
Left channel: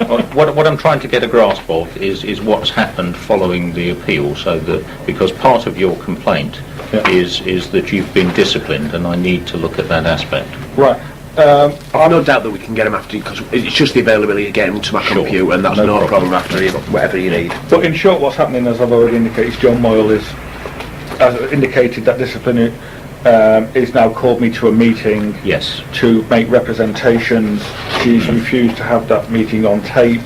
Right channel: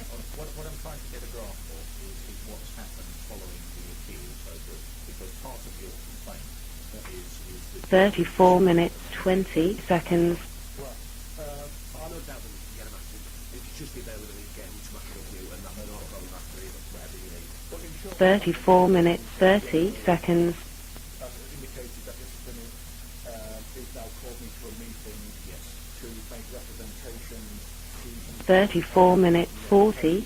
7 What I'm trying to get a grasp of is what's happened following the appeal, so that, because part of your complaint is that you've been disciplined, and I need to look at that aspect. Right. I've no doubt that we can get him after, because it's just the availability of getting him to my computer, and that's no problem after you, whatever you need. But in short, what's happening, as I've already indicated, John Moyle has indicated that disciplinary is now called me to a meeting Yes. to make representations. She's refused to have that meeting on tape.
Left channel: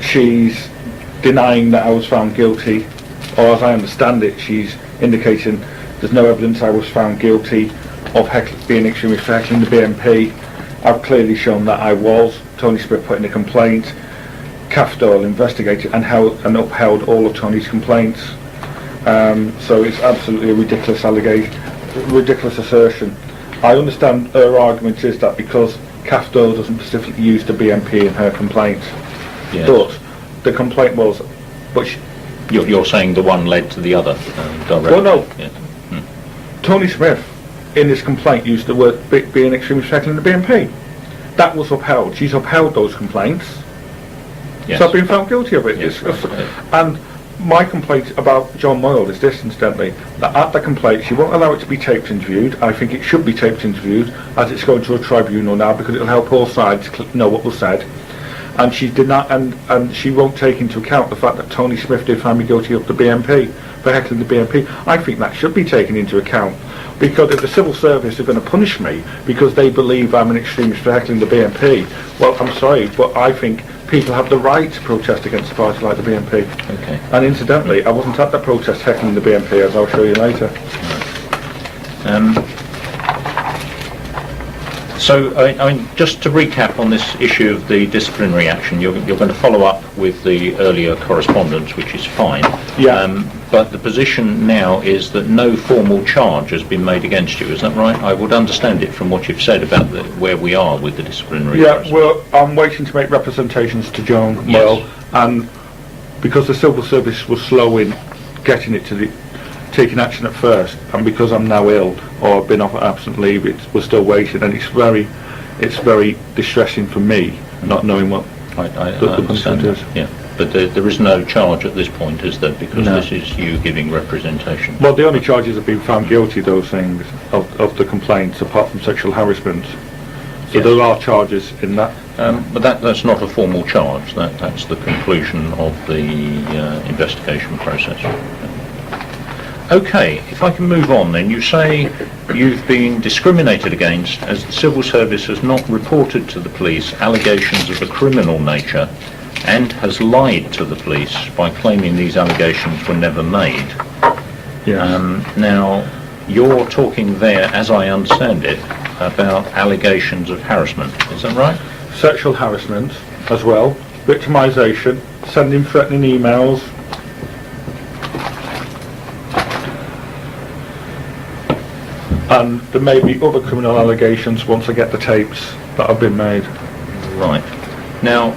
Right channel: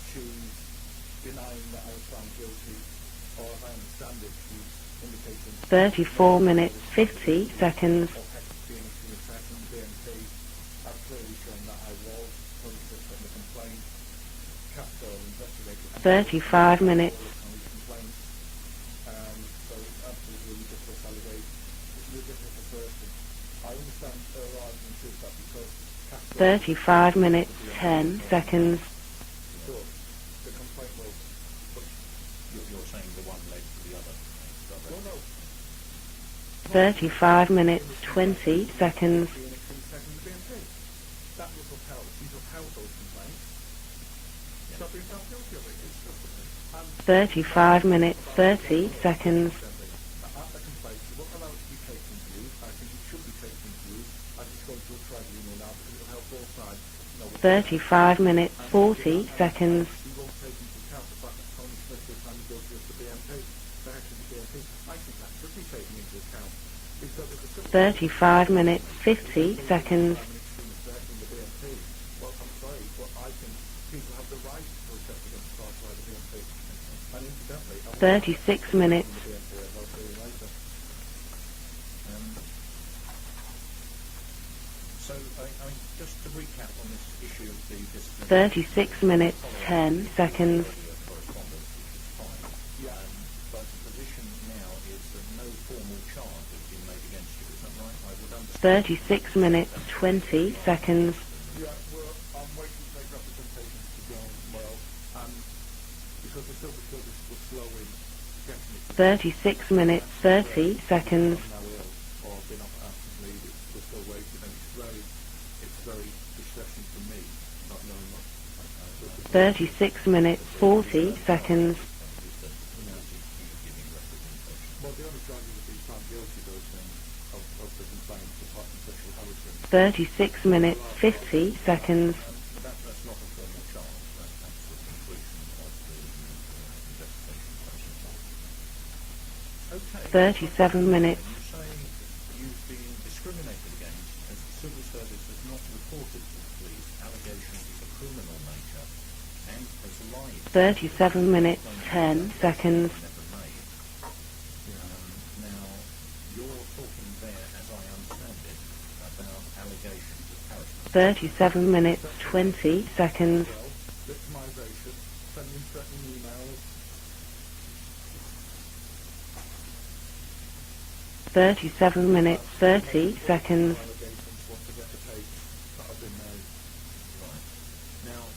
She's denying that I was found guilty, or as I understand it, she's indicating there's no evidence I was found guilty of being extremist for heckling the BNP. I've clearly shown that I was. Tony Smith put in a complaint. CAF Doyle investigated and upheld all of Tony's complaints. So it's absolutely a ridiculous allegation, ridiculous assertion. I understand her argument is that because CAF Doyle doesn't specifically use the BNP in her complaint, Yes. but the complaint was, You're saying the one led to the other directly? well, no. Yeah. Tony Smith 35 minutes, in his complaint 20 used the word seconds. being extremist for heckling the BNP. That was upheld. She's upheld those complaints. Yes. So I've been found guilty of it. Yes, It's- right. and 35 my complaint minutes, about 30 John Moyle is this, seconds. incidentally, that at the complaint she won't allow it to be taped interviewed. I think it should be taped interviewed, as it's going to a tribunal now, because it'll help all sides know what was said. 35 minutes, And she 40 did not, seconds. and she won't take into account the fact that Tony Smith did find me guilty of the BNP, for heckling the BNP. I think that should be taken into account, because if the civil service are going to punish me because they believe I'm an extremist for heckling the BNP, well, I'm sorry, but I think people have the right to protest against a party like the BNP. Okay. And incidentally, I wasn't at the protest heckling the BNP, as I'll show you later. So, I mean, just to recap on this issue of the disciplinary action, you're going to follow up with the earlier correspondence, which is fine. Yeah. But the position now is that no formal charge has been made against you, is that right? I would understand it from what you've said about where we are with the disciplinary Yeah, process. well, I'm waiting to make representations to Joan Moyle, and because the civil service was slow in getting it to the 36 taking minutes, action at 13 first, and because I'm now ill or been off absent leave, we're still waiting, and it's very distressing for me not knowing what. I the understand that, 36 yeah. minutes, But there is no 40 charge seconds. at this point, is there? Because No. this is you giving representation. Well, the only charges have been found guilty, those things, of the complaints, apart from sexual harassment. 36 So minutes, there are 50 charges in that. seconds. But that's not a formal charge. That's the conclusion of the investigation process. Okay, if I can move on then. You say you've been discriminated against as the civil service has not reported to the police allegations of a criminal nature and has lied to the police by claiming these allegations were never made. Yeah. Now, you're talking there, as I understand it, about allegations of harassment. Is that right? 37 minutes, Sexual 14 harassment seconds. as well, victimisation, sending threatening emails. 37 minutes, And there may be 13 other seconds. criminal allegations once I get the tapes that have been made. Right. Now,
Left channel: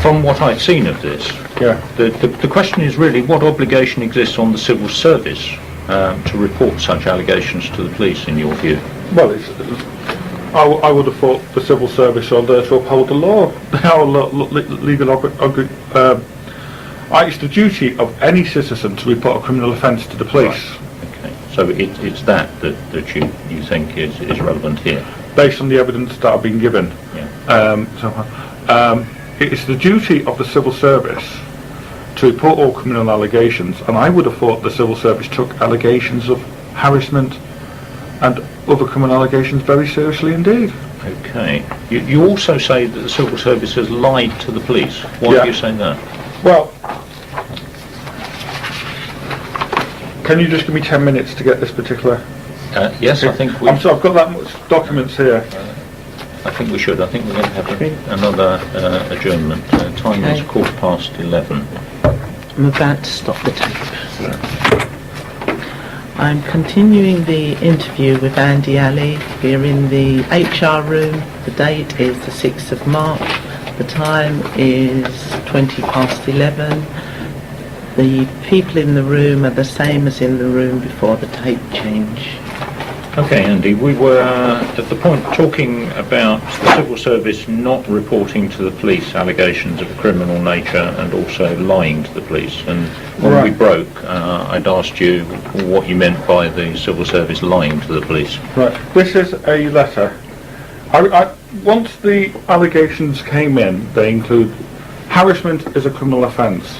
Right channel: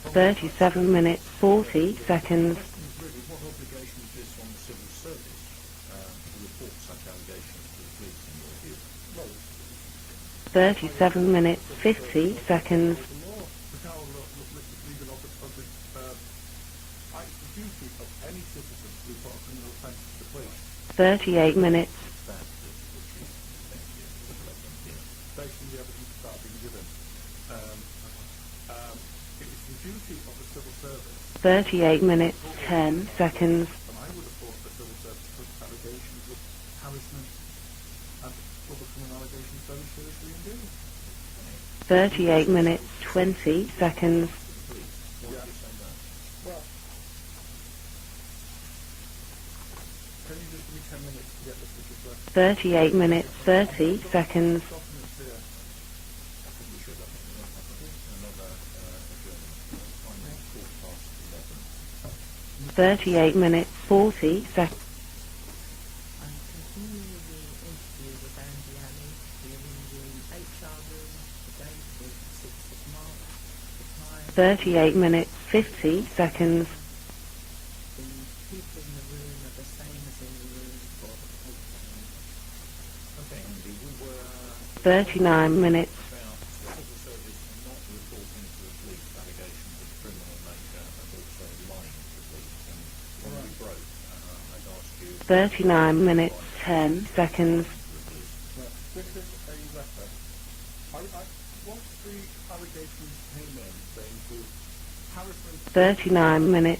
from what I've seen of this, the question is really what obligation exists on the civil service to report such allegations to the police, in your view? Well, I would have thought the civil service are there to uphold the law. Our legal it's the duty of any citizen to report a criminal offence to the police, 38 So minutes. it's that you think is relevant here. based on the evidence that I've been given. Yeah. It's the duty of the civil service 38 minutes. to report all 10 criminal seconds. allegations, and I would have thought the civil service took allegations of harassment and other criminal allegations very seriously indeed. Okay. You also say that the civil service has lied to the police. Why Yeah. do you say that? Well, can you just give me 10 minutes to get this particular... 38 yes, I minutes, think 30 we- I'm sorry, I've got that seconds. much documents here. I think we should. I think we're going to have another adjournment. Time is Okay. 11:15. I'm about to 38 stop minutes, it. 40 seconds. I'm continuing the interview with Andi Ali. We're in the HR room. The date is the 6th of March. The time 38 is minutes, 20 50 past seconds. 11. The people in the room are the same as in the room before the tape change. Okay, Andy, we were at the point talking about the civil service not reporting to the police allegations of a criminal nature and also lying to the police. And when we broke, I'd asked you what you meant by the civil service lying to the police. Right. This is a letter. Once the allegations came in, they include harassment is a criminal offence.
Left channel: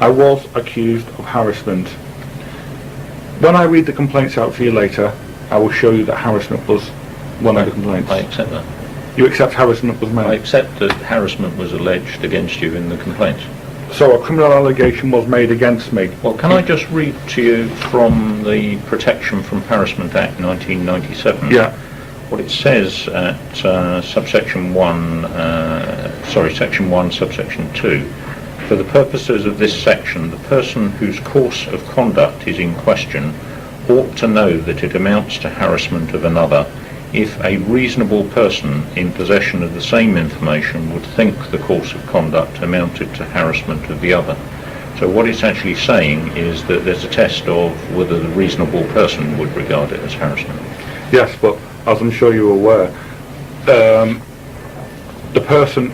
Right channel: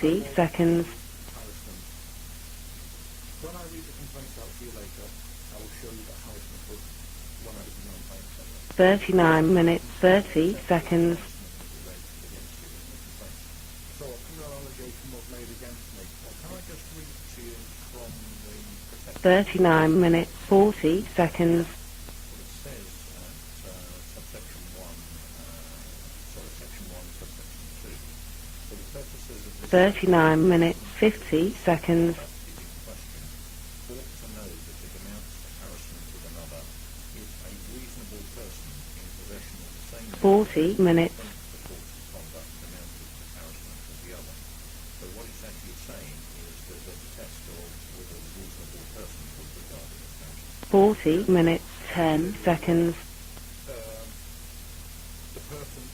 I was accused of harassment. When I read the complaints out for you later, I will show you that harassment was one of the complaints. I accept that. You accept harassment was I made? accept that harassment was alleged against you in the complaints. So a criminal allegation was made against me. Well, can I just read to you from the Protection from Harassment Act 1997? Yeah. What it says at section 1, subsection 2. For the purposes of this section, the person whose course of conduct is in question ought to know that it amounts to harassment of another if a reasonable person in possession of the same information would think the course of conduct amounted to harassment of the other. So what it's actually saying is that there's a test of whether the reasonable person would regard it as harassment. Yes, but as I'm sure you're aware, the person,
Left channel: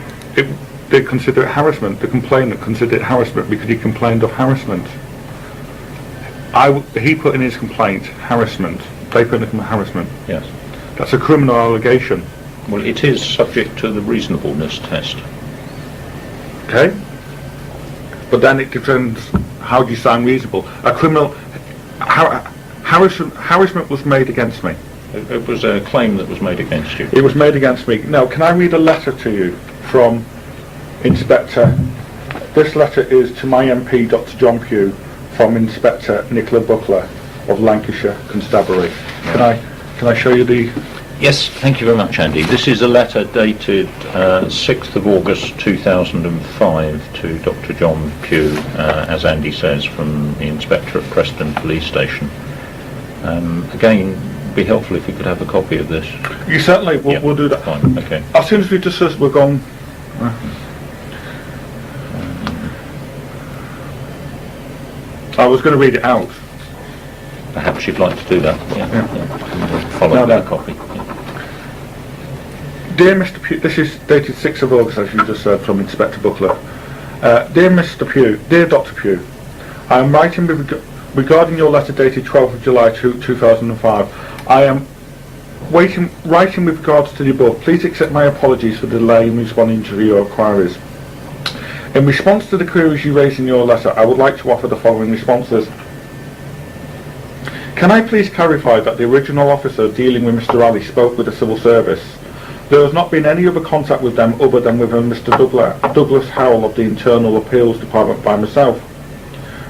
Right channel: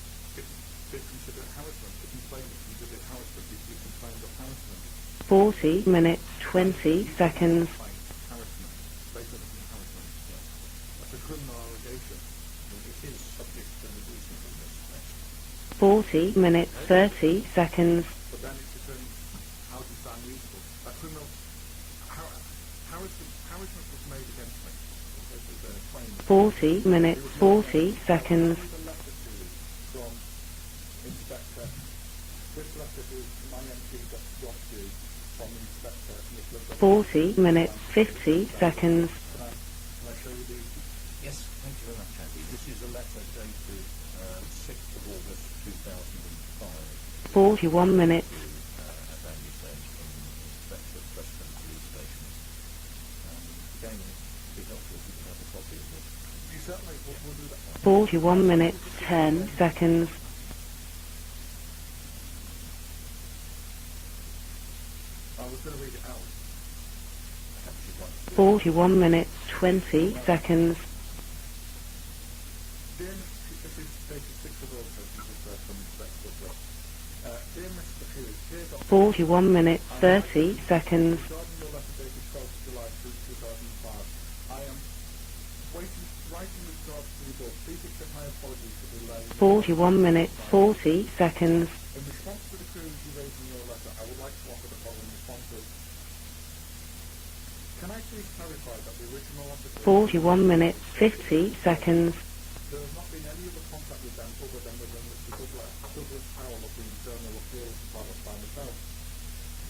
they consider it harassment. The complainant considered it harassment because he complained of harassment. 40 minutes. He put in his complaint harassment. They put in harassment. Yes. That's a criminal allegation. Well, it is subject to the reasonableness test. 40 minutes, Okay. 30 seconds. But then it depends how do you sound reasonable. A criminal harassment was made against me. It was a claim that was made against you. It was made against me. Now, can I read a letter to you from Inspector? This letter is to my MP, Dr. John Pugh, from Inspector Nicola Buckler of Lancashire Constabulary. Can I show you the? Yes, thank you very much, Andy. This is a letter dated 6th of August 2005 to Dr. John Pugh, as Andy says, from the Inspector at Preston Police Station. Again, it'd be helpful if you could have a copy of this. You certainly, we'll do that. Fine, okay. As soon as we discuss, we're gone. I was going to read it out. Perhaps you'd like to do that. 41 minutes, Follow No. that copy. Dear Mr. Pugh, this is dated 6th of August, as you just said, from Inspector Buckler. Dear Mr. Pugh, dear Dr. Pugh, 41 minutes, I am writing 30 seconds. regarding your letter dated 12th of July 2005. I am writing with regards to the above. Please accept my apologies for the delay in responding 41 to your minutes, inquiries. 40 seconds. In response to the queries you raised in your letter, I would like to offer the following responses. Can I please clarify that the original officer dealing with Mr. Ali spoke with the civil service? There has not been any other contact with them other than with Mr. Douglas Howell of the Internal Appeals Department by myself.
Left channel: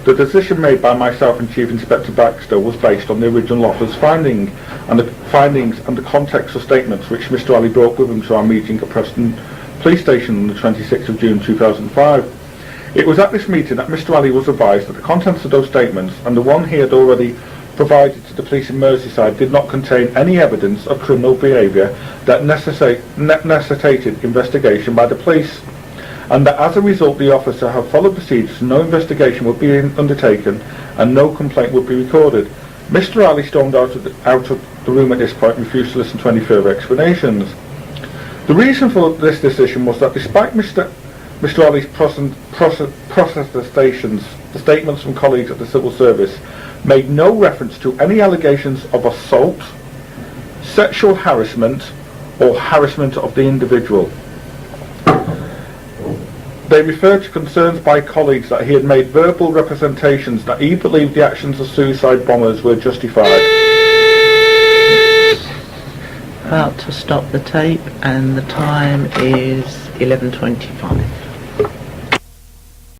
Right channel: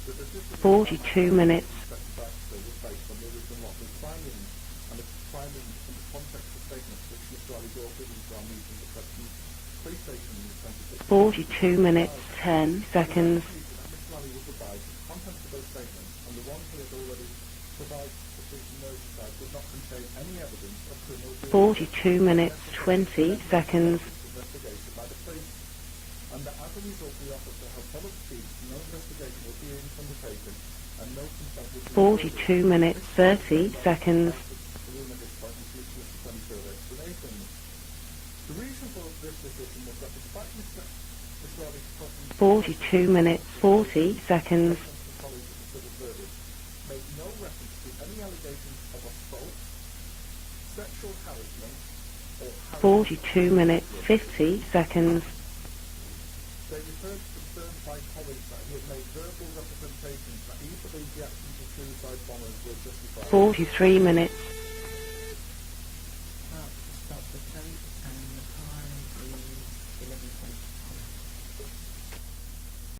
The decision made by myself and Chief Inspector Baxter was based on the original officer's findings and the context of statements which Mr. Ali brought with him to our meeting at Preston Police Station on the 26th of June 2005. It was at this meeting that Mr. Ali was advised that the contents of those statements and the one he had already provided to the police in Merseyside did not contain any evidence of criminal behaviour that necessitated investigation by the police, and that as a result the officer had followed procedures, no investigation would be undertaken and no complaint would be recorded. Mr. Ali stormed out of the room at this point and refused to listen to any further explanations. The reason for this decision was that despite Mr. Ali's statements from colleagues at the civil service made no reference to any allegations of assault, sexual harassment or harassment of the individual. 50 seconds. They referred to concerns by colleagues that he had made verbal representations that he believed the actions of suicide bombers were justified. 33 minutes. About to stop the tape, and the time is 11:25.